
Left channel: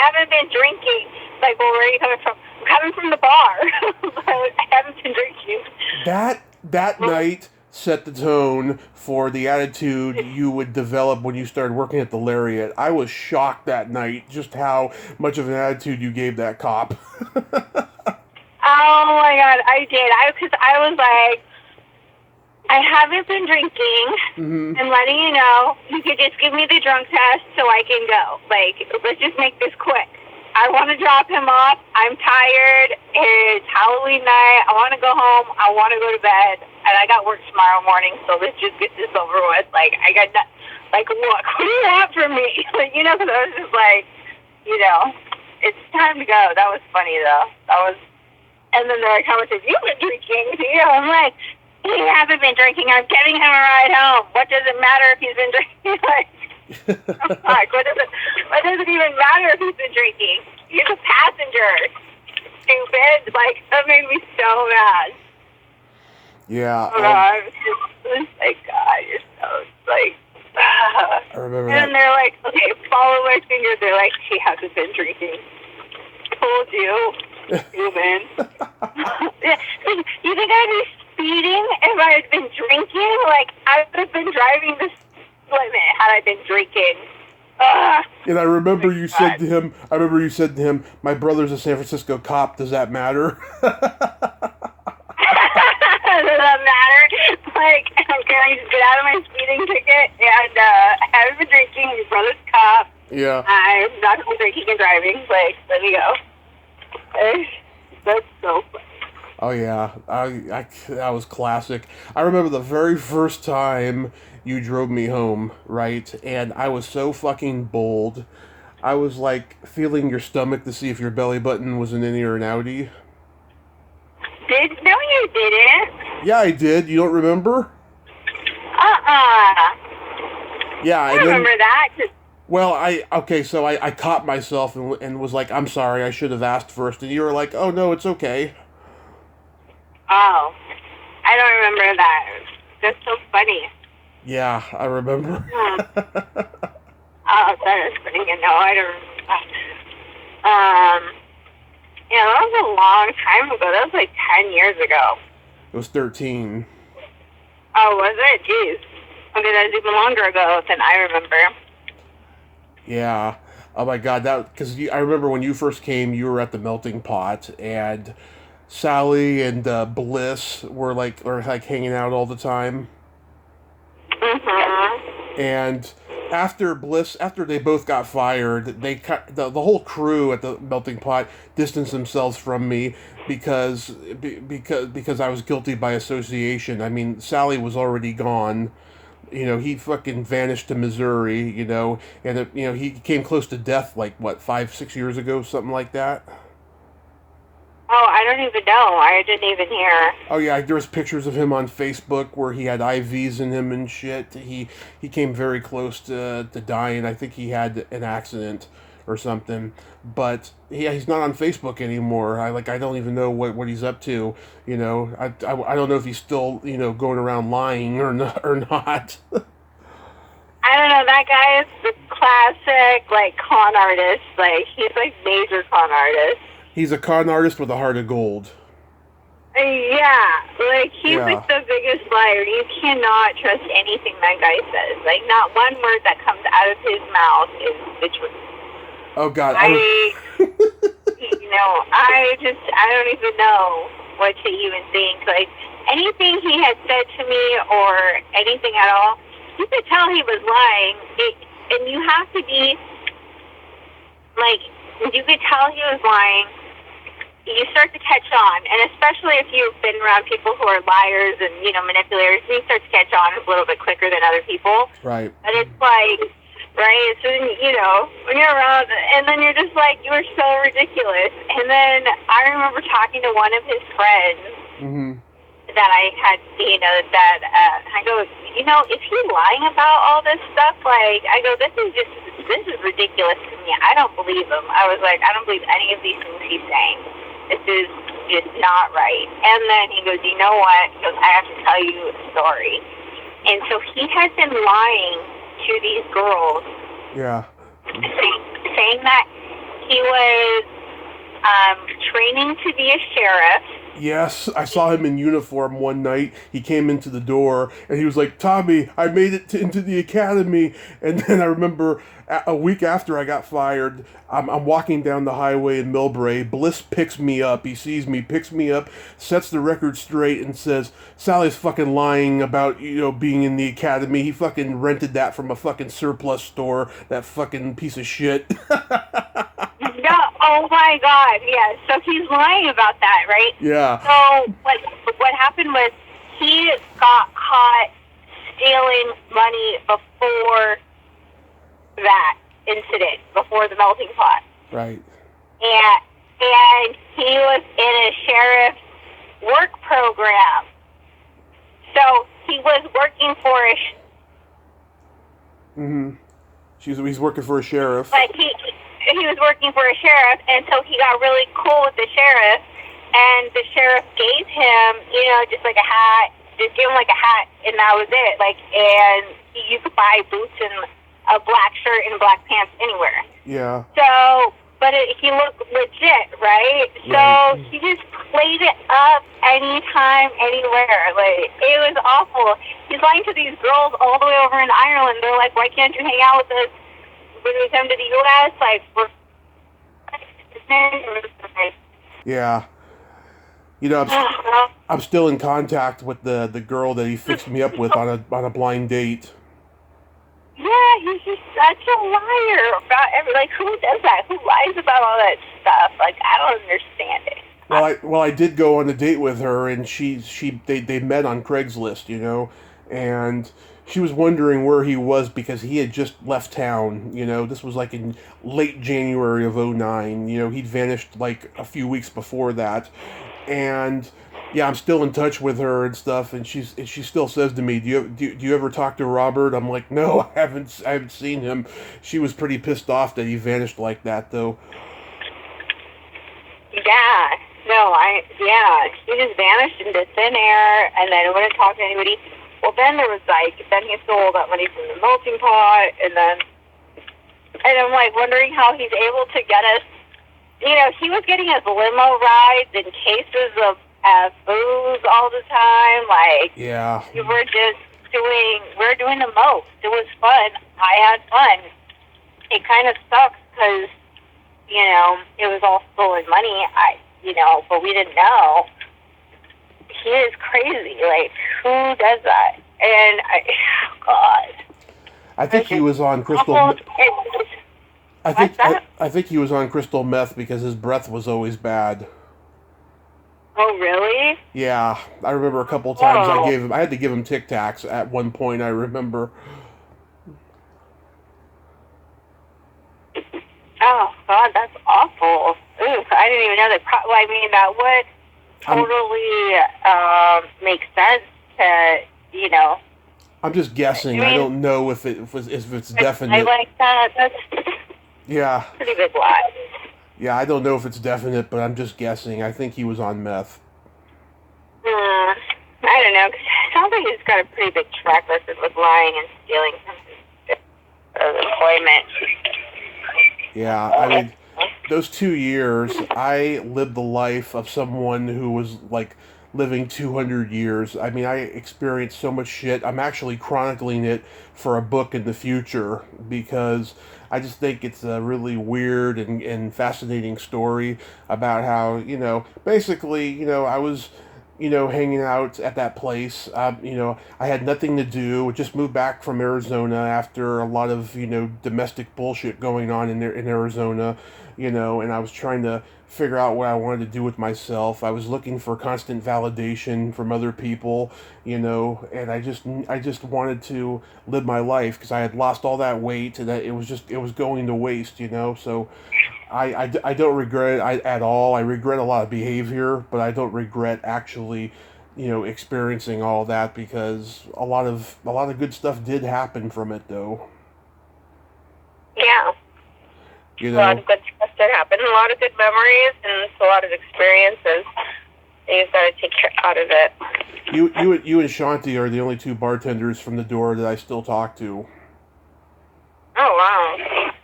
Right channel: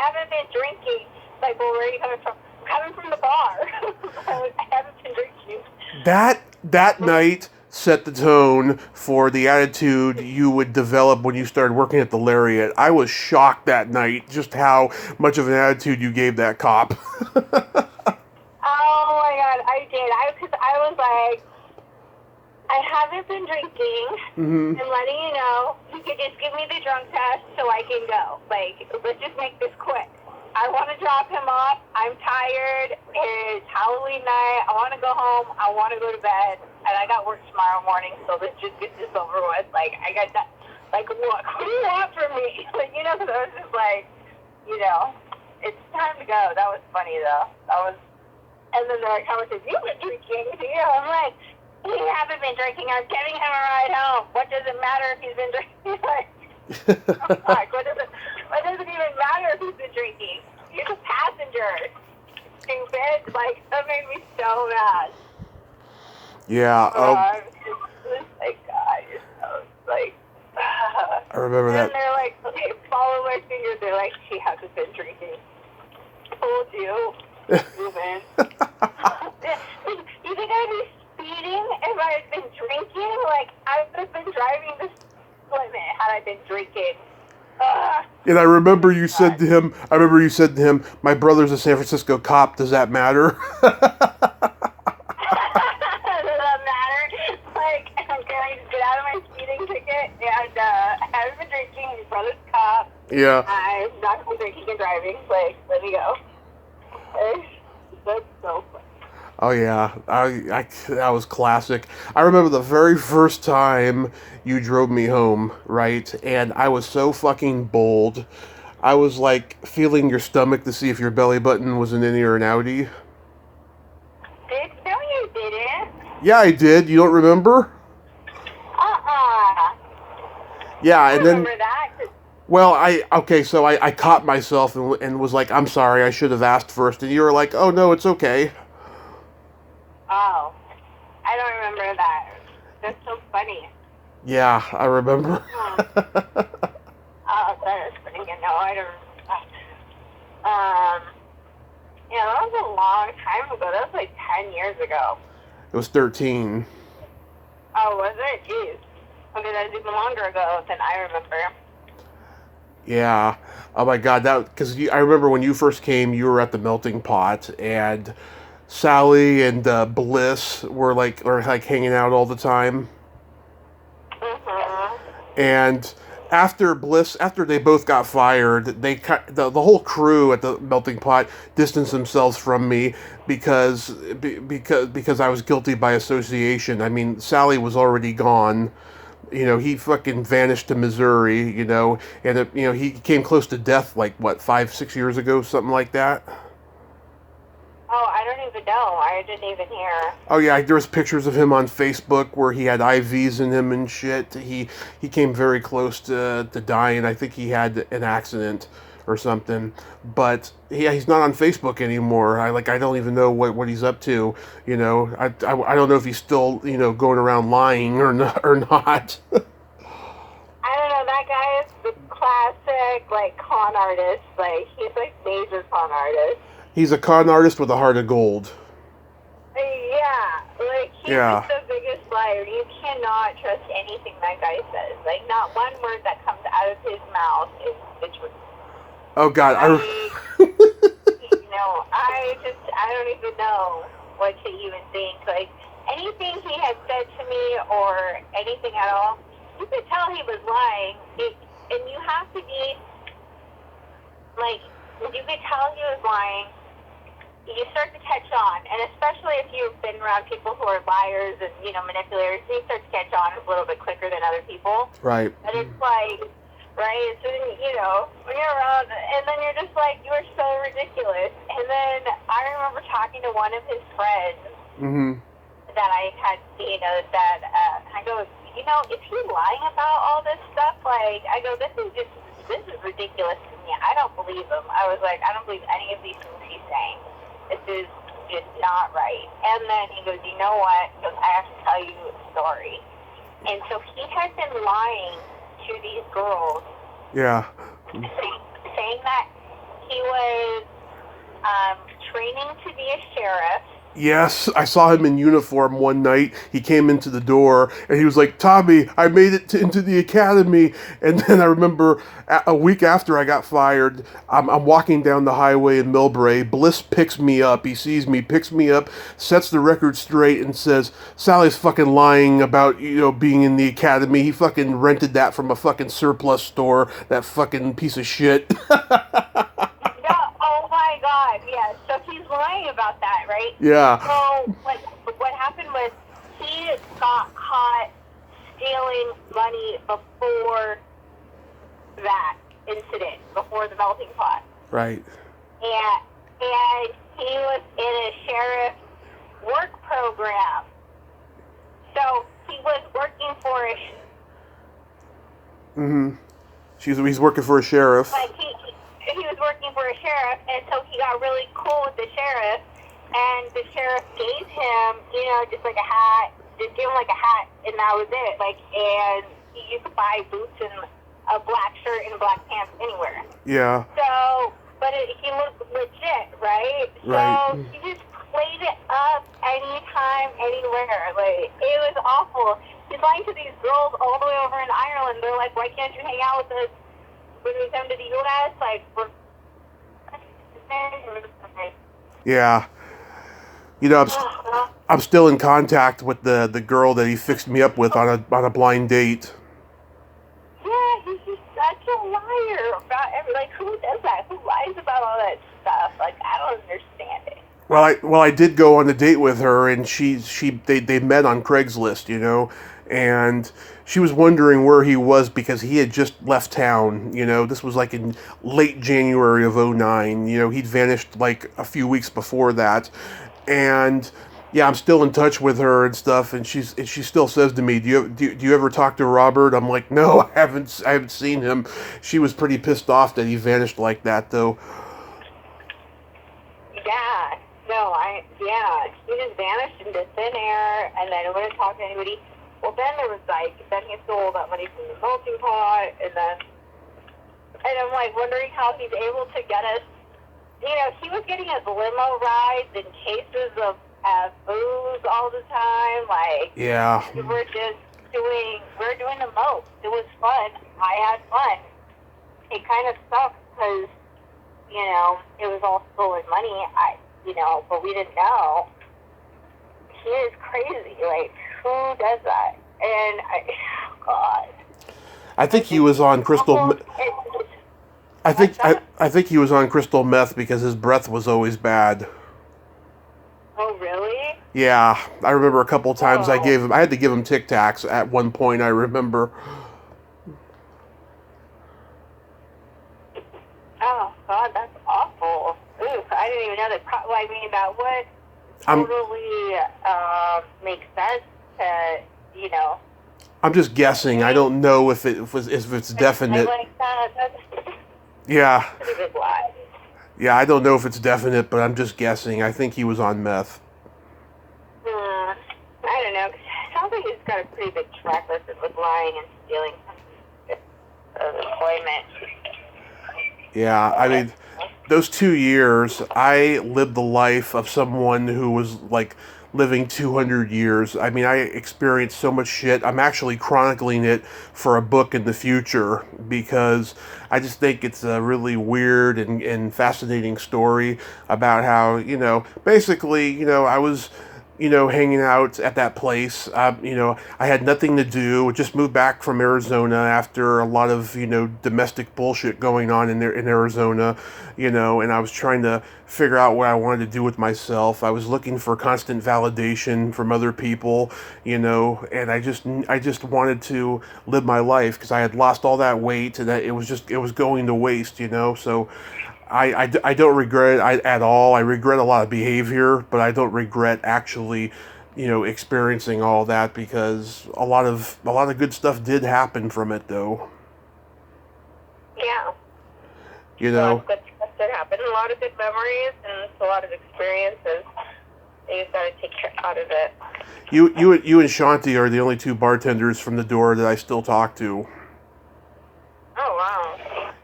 haven't been drinking. Like, well, where are you coming from? I'm coming from the bar. I haven't been drinking. That night set the tone for the attitude you would develop when you started working at the Lariat. I was shocked that night just how much of an attitude you gave that cop. Oh my God, I did. Because I was like, I haven't been drinking, and letting you know, you could just give me the drunk test so I can go. Like, let's just make this quick. I want to drop him off. I'm tired. It's Halloween night. I want to go home. I want to go to bed. And I got work tomorrow morning, so let's just get this over with. Like, I got that. Like, look, what do you want from me? Like, because I was just like, it's time to go. That was funny, though. And then they're like, how much have you been drinking? I'm like, he hasn't been drinking. I'm giving him a ride home. What does it matter if he's been drinking? Like, what does it even matter if he's been drinking? He's a passenger. Stupid. Like, that made me so mad. Yeah. I was just like, God, I remember that. And they're like, okay, follow my fingers. They're like, he hasn't been drinking. Told you. Human. You think I'd be speeding if I had been drinking? Like, I would have been driving the limit had I been drinking. And I remember you said to him, my brother's a San Francisco cop. Does that matter? Does that matter? Like, can I just get out of my speeding ticket? And I haven't been drinking. Your brother's a cop. Yeah. I'm not going to be drinking and driving. Like, let me go. That's so funny. Oh yeah, that was classic. I remember the very first time you drove me home, right? And I was so fucking bold. I was like feeling your stomach to see if your belly button was an innie or an outie. No, you didn't. Yeah, I did. You don't remember? Yeah, I and then, remember that. well, so I caught myself and was like, I'm sorry, I should have asked first. And you were like, oh, no, it's okay. Oh, I don't remember that. That's so funny. Yeah, I remember. Hmm. Oh, that is funny. No, I don't remember that. Um, yeah, that was a long time ago. That was like 10 years ago. It was 13. Oh, was it? Jeez. Okay, that was even longer ago than I remember. Yeah. Oh my God, because I remember when you first came, you were at the melting pot, and Sally and Bliss were like hanging out all the time. Mm-hmm. And after they both got fired, the whole crew at the melting pot distanced themselves from me because I was guilty by association. I mean, Sally was already gone. He fucking vanished to Missouri. And he came close to death like what 5 6 years ago, something like that. Oh, I don't even know. I didn't even hear. Oh yeah, there was pictures of him on Facebook where he had IVs in him and shit. He came very close to dying. I think he had an accident or something. But he's not on Facebook anymore. I don't even know what he's up to. I don't know if he's still going around lying or not or not. I don't know. That guy is the classic, like, con artist. Like, he's, like, major con artist. He's a con artist with a heart of gold. Yeah, like, he's, Yeah. like, the biggest liar. You cannot trust anything that guy says. Like, not one word that comes out of his mouth is the truth. Oh God, I don't even know what to even think. Like, anything he had said to me or anything at all, you could tell he was lying. And you have to be, like, you could tell he was lying. You start to catch on, and especially if you've been around people who are liars and, manipulators, you start to catch on a little bit quicker than other people. right. And it's like, right, so, when you're around, and then you're just like, you are so ridiculous. And then I remember talking to one of his friends Mm-hmm. that I had, I go, is he lying about all this stuff? Like, I go, this is ridiculous to me. I don't believe him. I was like, I don't believe any of these things he's saying. This is just not right. And then he goes, you know what? He goes, I have to tell you a story. And so he has been lying to these girls. Yeah. Saying that he was training to be a sheriff. Yes, I saw him in uniform one night. He came into the door and he was like, Tommy, I made it into the academy. And then I remember a week after I got fired, I'm walking down the highway in Millbrae. Bliss picks me up. He sees me, picks me up, sets the record straight and says, Sally's fucking lying about, being in the academy. He fucking rented that from a fucking surplus store, that fucking piece of shit. Oh my God, yeah. So he's lying about that, right? Yeah. So what happened was he got caught stealing money before that incident, before the melting pot. Right. And he was in a sheriff's work program. So he was working for He's working for a sheriff. Like he was working for a sheriff, and so he got really cool with the sheriff, and the sheriff gave him, just like a hat, just gave him like a hat, and that was it. Like, and you could buy boots and a black shirt and black pants anywhere. Yeah. So, but he looked legit, right? So Right. he just played it up anytime, anywhere. Like, it was awful. He's lying to these girls all the way over in Ireland. They're like, why can't you hang out with us when we come to the U.S.? Like, we're... Yeah. I'm still in contact with the girl that he fixed me up with on a blind date. Yeah, he's just such a liar about like, who does that? Who lies about all that stuff? Like, I don't understand it. Well, I did go on a date with her, and they met on Craigslist, and she was wondering where he was because he had just left town. This was like in late January of '09. He'd vanished like a few weeks before that, and Yeah, I'm still in touch with her and stuff, and she still says to me, "Do you ever talk to Robert?" I'm like, "No, I haven't seen him." She was pretty pissed off that he vanished like that, though. Yeah. No, yeah, he just vanished into thin air, and then wouldn't talk to anybody. Well, then there was then he stole that money from the melting pot, and I'm like wondering how he's able to get us. He was getting us limo rides and cases of booze all the time. Like, Yeah, we were doing the most. It was fun. I had fun. It kind of sucks because, it was all stolen money. But we didn't know. He is crazy. Like, who does that? And God. I think he was on crystal. I think he was on crystal meth because his breath was always bad. Oh, really? Yeah, I remember a couple times Oh. I had to give him Tic Tacs at one point. I remember. Oh, God, that's awful. Ooh, I didn't even know that. That would I'm totally make sense to, I'm just guessing. I don't know if it's I definite. like that. That's Yeah, a pretty big lie. yeah, I don't know if it's definite, but I'm just guessing. I think he was on meth. I don't know. 'Cause it sounds like he's got a pretty big track record with lying and stealing from employment. Yeah, I mean, those 2 years, I lived the life of someone who was like living 200 years. I mean, I experienced so much shit. I'm actually chronicling it for a book in the future because I just think it's a really weird and fascinating story about how, basically, I was hanging out at that place. I had nothing to do. Just moved back from Arizona after a lot of, domestic bullshit going on in Arizona, and I was trying to figure out what I wanted to do with myself. I was looking for constant validation from other people, and I just wanted to live my life because I had lost all that weight and that it was going to waste, so I don't regret it at all. I regret a lot of behavior, but I don't regret actually, experiencing all that because a lot of good stuff did happen from it, though. Yeah. You A lot know, of good stuff did happen. A lot of good memories and a lot of experiences. And you've got to take care out of it. you and Shanti are the only two bartenders from the door that I still talk to. Oh, wow.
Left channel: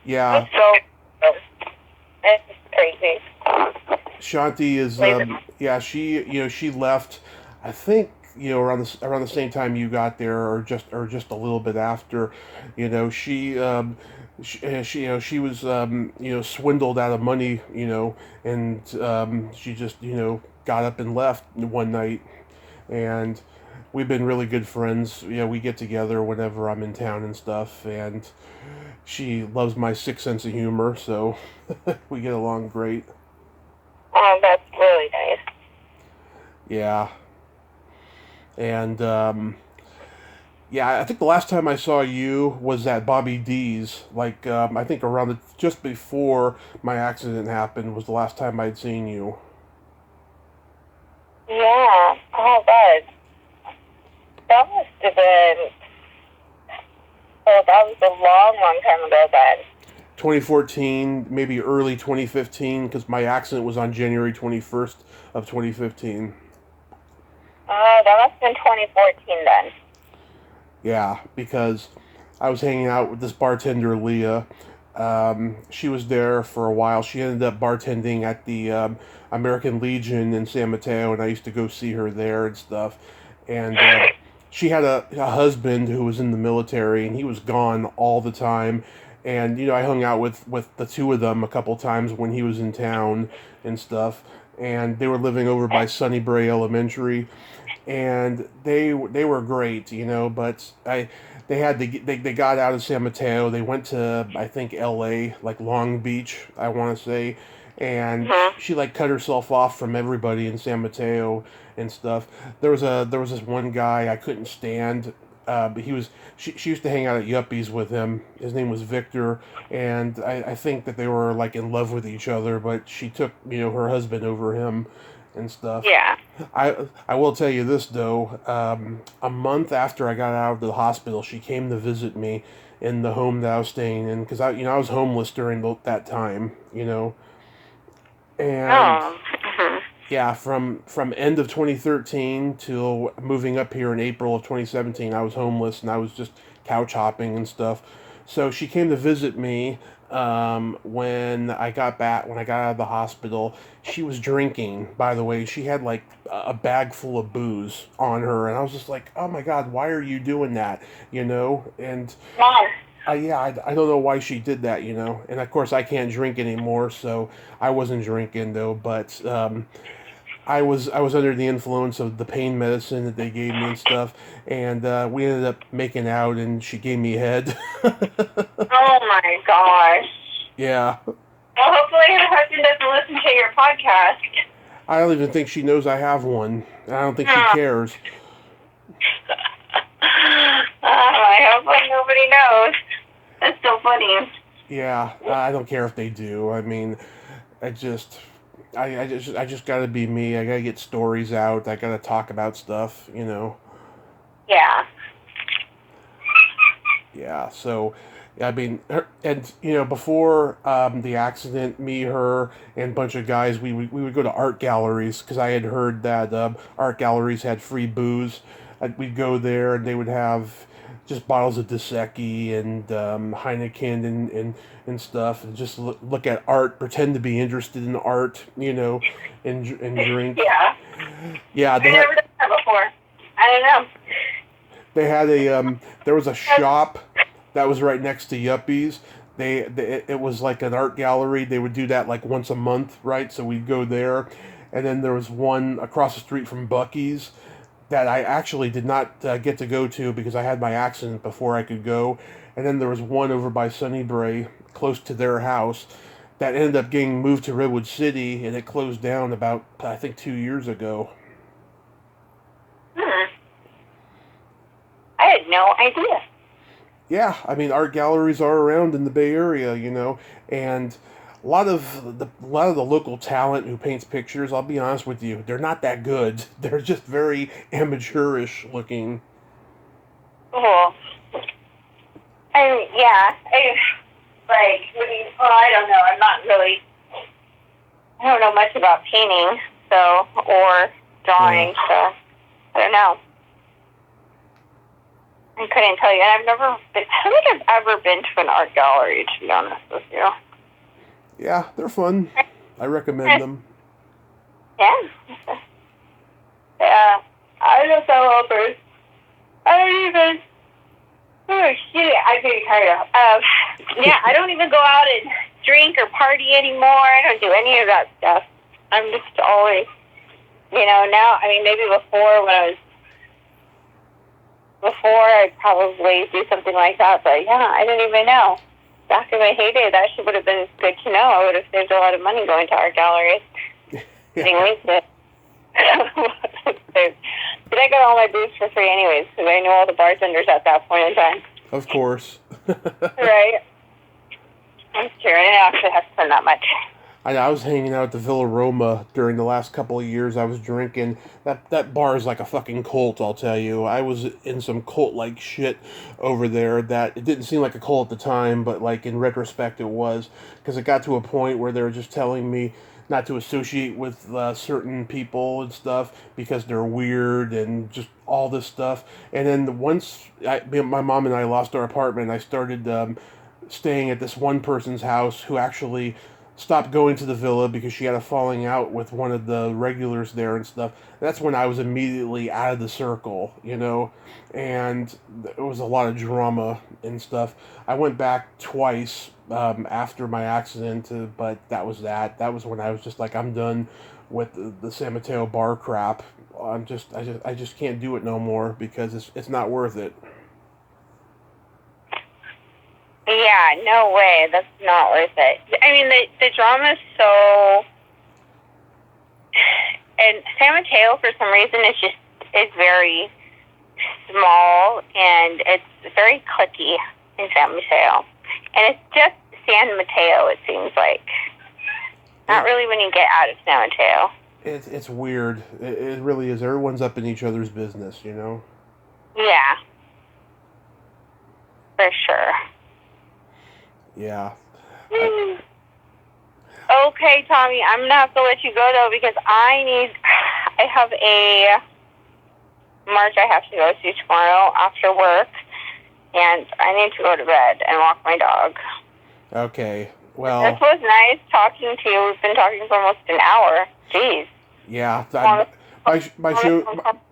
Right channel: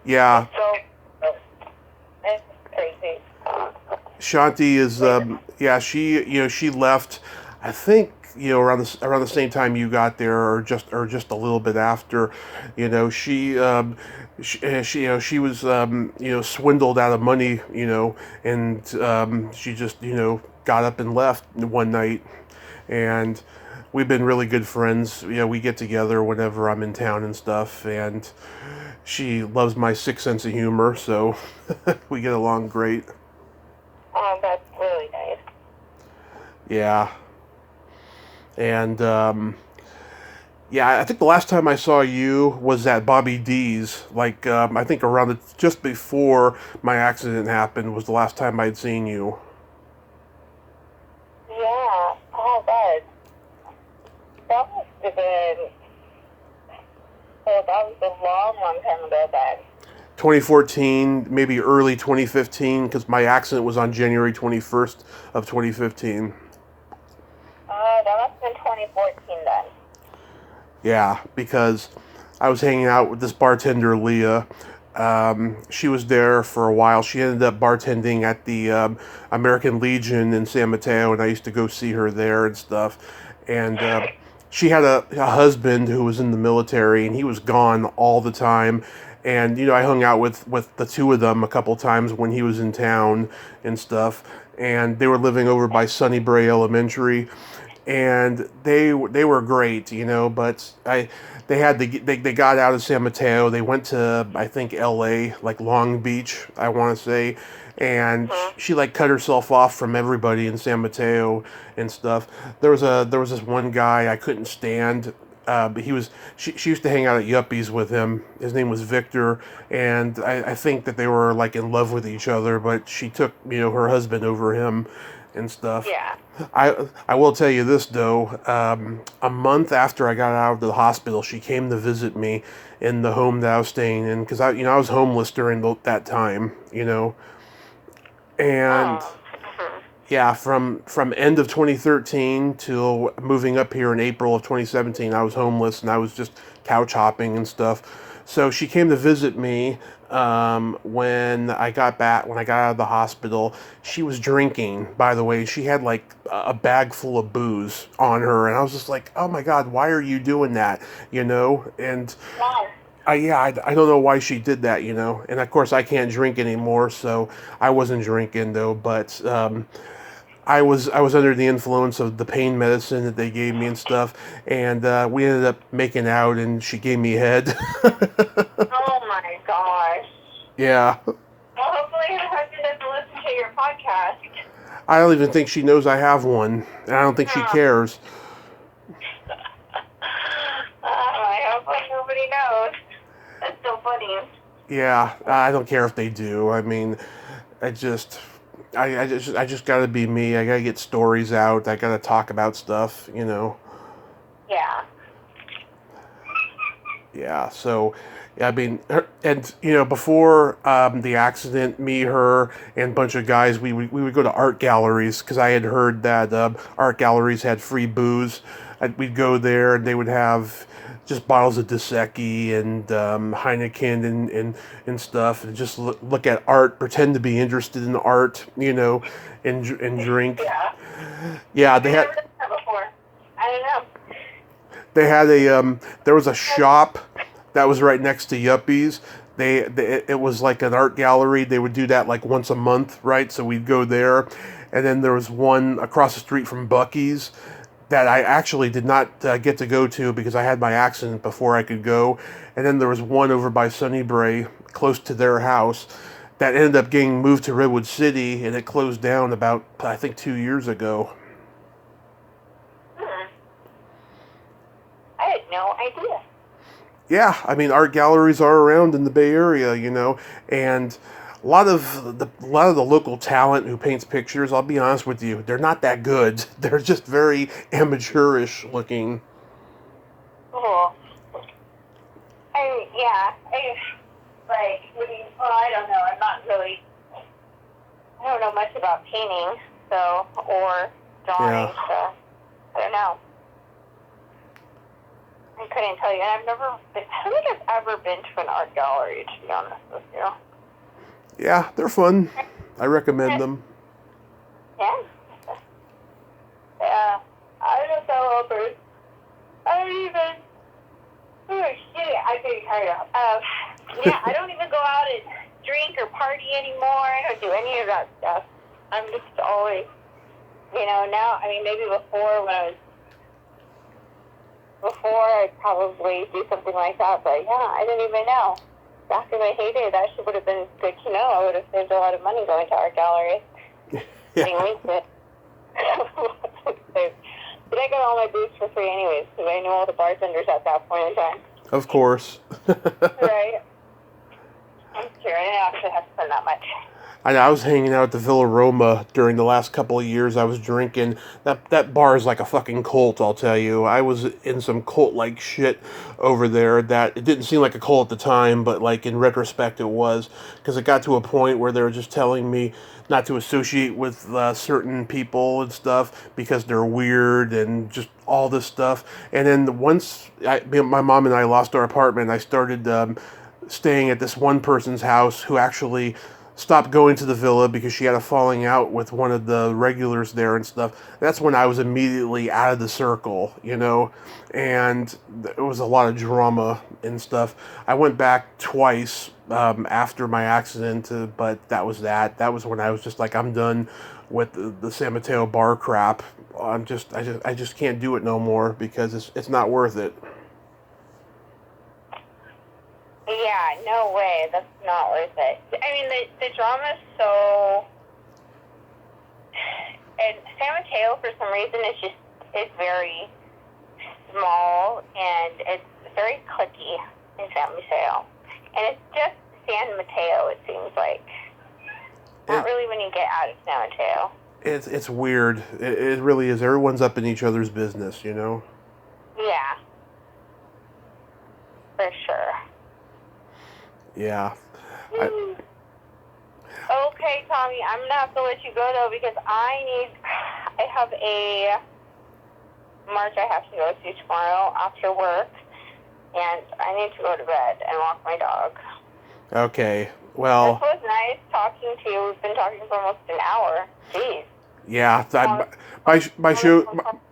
Yeah, It's crazy. Shanti is yeah, she left, I think, around the same time you got there, or just a little bit after. She was swindled out of money, and she just got up and left one night, and we've been really good friends. We get together whenever I'm in town and stuff, and she loves my sick sense of humor, so we get along great. Oh, that's really nice. Yeah. And yeah, I think the last time I saw you was at Bobby D's. Like, I think just before my accident happened was the last time I'd seen you. Yeah. Oh, God. That must have been... Oh, that was a long, long time ago then. 2014, maybe early 2015, because my accident was on January 21st of 2015. That must have been 2014 then. Yeah, because I was hanging out with this bartender, Leah. She was there for a while. She ended up bartending at the American Legion in San Mateo, and I used to go see her there and stuff. And she had a husband who was in the military, and he was gone all the time. And I hung out with the two of them a couple times when he was in town and stuff. And they were living over by Sunny Bray Elementary, and they were great, but they got out of San Mateo. They went to, I think, L.A., like Long Beach, I want to say, and she like cut herself off from everybody in San Mateo and stuff. There was this one guy I couldn't stand. But she used to hang out at Yuppies with him. His name was Victor, and I think that they were like in love with each other, but she took her husband over him, and stuff. Yeah. I will tell you this though. A month after I got out of the hospital, she came to visit me in the home that I was staying in because I was homeless during that time, and Oh. Mhm. yeah, from end of 2013 till moving up here in April of 2017, I was homeless and I was just couch hopping and stuff. So she came to visit me when I got back, when I got out of the hospital. She was drinking, by the way. She had like a bag full of booze on her, and I was just like, "Oh my God, why are you doing that?" And Wow. I don't know why she did that, and of course I can't drink anymore, so I wasn't drinking though, but I was under the influence of the pain medicine that they gave me and stuff, and we ended up making out, and she gave me head. Oh my gosh. Yeah, Well, hopefully your husband doesn't listen to your podcast. I don't even think she knows I have one, and I don't think she Oh. cares. I hope nobody knows. That's so funny. Yeah, I don't care if they do. I mean, I just. I just gotta be me. I gotta get stories out. I gotta talk about stuff. Yeah. Yeah, so I mean, and before the accident, me, her, and a bunch of guys, we would go to art galleries because I had heard that art galleries had free booze. We'd go there and they would have just bottles of Dos Equis and Heineken and stuff, and just look at art, pretend to be interested in art, and drink. Yeah. Yeah, I've never done that before. I don't know. they had there was a shop that was right next to Yuppies. It was like an art gallery. They would do that like once a month, right? So we'd go there, and then there was one across the street from Bucky's that I actually did not get to go to because I had my accident before I could go. And then there was one over by Sunnybray, close to their house, that ended up getting moved to Redwood City, and it closed down about I think 2 years ago. Hmm. I had no idea. Yeah, I mean, art galleries are around in the Bay Area, and a lot of the local talent who paints pictures. I'll be honest with you, they're not that good. They're just very amateurish looking. Cool. Yeah, I don't know. I don't know much about painting, or drawing, Yeah. so I don't know. I couldn't tell you. I don't think I've ever been to an art gallery, to be honest with you. Yeah, they're fun. I recommend them. Yeah. Yeah. I just so hoping. I don't even. Oh, shit. I'm getting tired of. Yeah, I don't even go out and drink or party anymore. I don't do any of that stuff. I'm just always, now, maybe before I'd probably do something like that, but yeah, I didn't even know. Back in my heyday, that would have been good to know. I would have saved a lot of money going to art galleries. Getting wasted. But I got all my booze for free anyways, because I knew all the bartenders at that point in time. Of course. Right. That's true. I didn't actually have to spend that much. I was hanging out at the Villa Roma during the last couple of years. I was drinking. That bar is like a fucking cult, I'll tell you. I was in some cult-like shit over there that it didn't seem like a cult at the time, but like in retrospect it was. Because it got to a point where they were just telling me not to associate with certain people and stuff because they're weird and just all this stuff. And then once my mom and I lost our apartment, I started staying at this one person's house who actually stopped going to the villa because she had a falling out with one of the regulars there and stuff. That's when I was immediately out of the circle, and it was a lot of drama and stuff. I went back twice after my accident, but that was that. That was when I was just like, I'm done with the San Mateo bar crap. I just can't do it no more because it's not worth it. Yeah, no way. That's not worth it. The drama is so... And San Mateo, for some reason, is very small, and it's very cliquey in San Mateo. And it's just San Mateo, it seems like. Not really when you get out of San Mateo. it's weird. It really is. Everyone's up in each other's business, you know? Yeah. For sure. Yeah. Okay, Tommy, I'm gonna have to let you go though because I have a march I have to go to tomorrow after work, and I need to go to bed and walk my dog. Okay. Well. This was nice talking to you. We've been talking for almost an hour. Jeez. Yeah.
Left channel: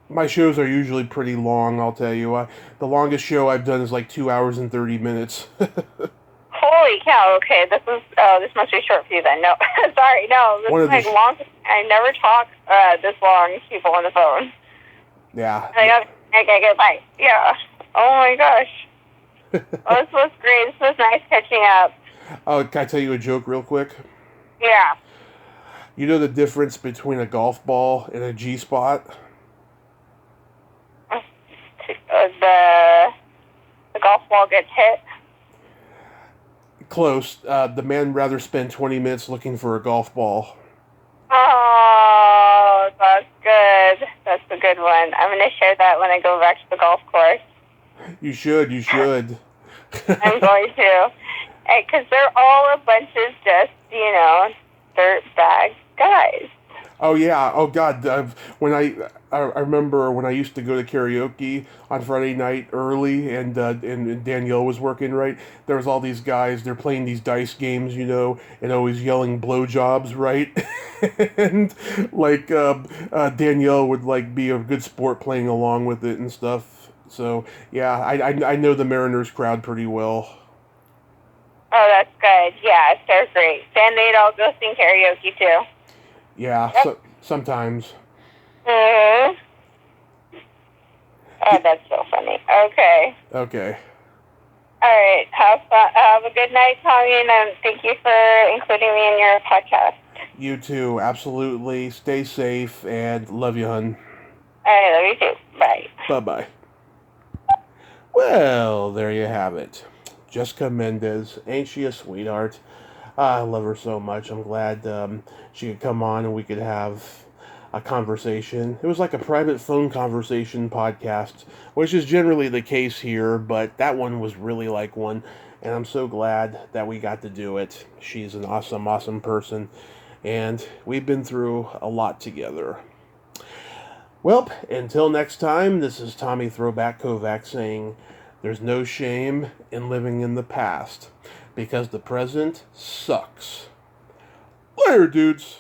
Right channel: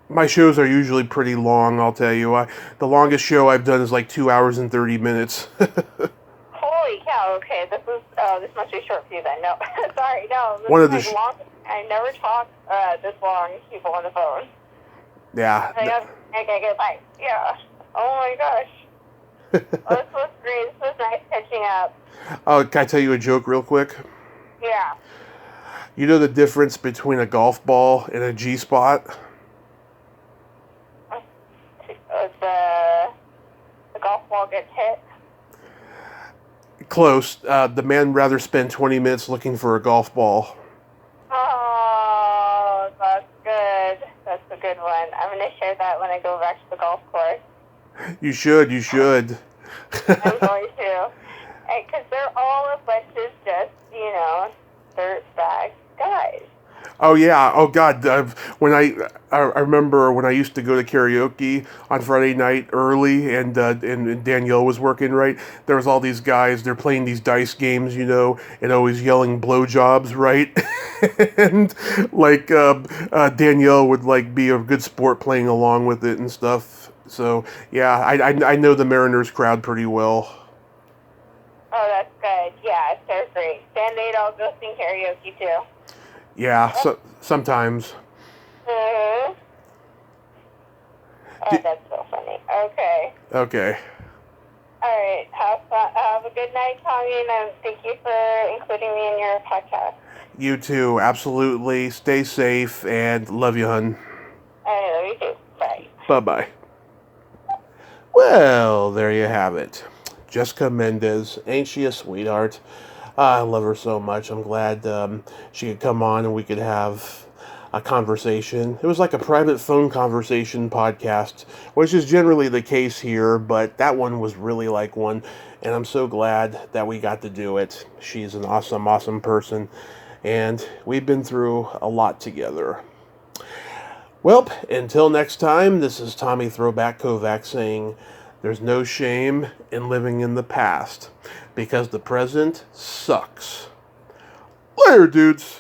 My shows are usually pretty long. I'll tell you. The longest show I've done is like 2 hours and 30 minutes. Holy cow! Okay, this must be short for you then. No, sorry, no. This One is of the like long. I never talk this long to people on the phone. Yeah. Okay, goodbye. Yeah. Oh my gosh. Well, this was great. This was nice catching up. Oh, can I tell you a joke real quick? Yeah. You know the difference between a golf ball and a G-spot? The golf ball gets hit. Close. The man rather spend 20 minutes looking for a golf ball. Oh, that's good. That's a good one. I'm going to share that when I go back to the golf course. You should. I'm going to. Because they're all a bunch of just, dirtbag guys. Oh yeah. Oh God. I remember when I used to go to karaoke on Friday night early, and Danielle was working. Right, there was all these guys. They're playing these dice games, and always yelling blowjobs, right? And like Danielle would like be a good sport playing along with it and stuff. So yeah, I know the Mariners crowd pretty well. Oh, that's good. Yeah, they're great. And they'd all go sing karaoke too. Yeah, so sometimes. Mm-hmm. Oh, that's so funny. Okay. Okay. All right. Have fun. Have a good night, Tommy, and thank you for including me in your podcast. You too, absolutely. Stay safe and love you, hun. All right, love you too. Bye. Bye-bye. Well, there you have it. Jessica Mendez. Ain't she a sweetheart? I love her so much. I'm glad she could come on and we could have a conversation. It was like a private phone conversation podcast, which is generally the case here, but that one was really like one, and I'm so glad that we got to do it. She's an awesome, awesome person, and we've been through a lot together. Well, until next time, this is Tommy Throwback Kovac saying, there's no shame in living in the past, because the present sucks. Later, dudes.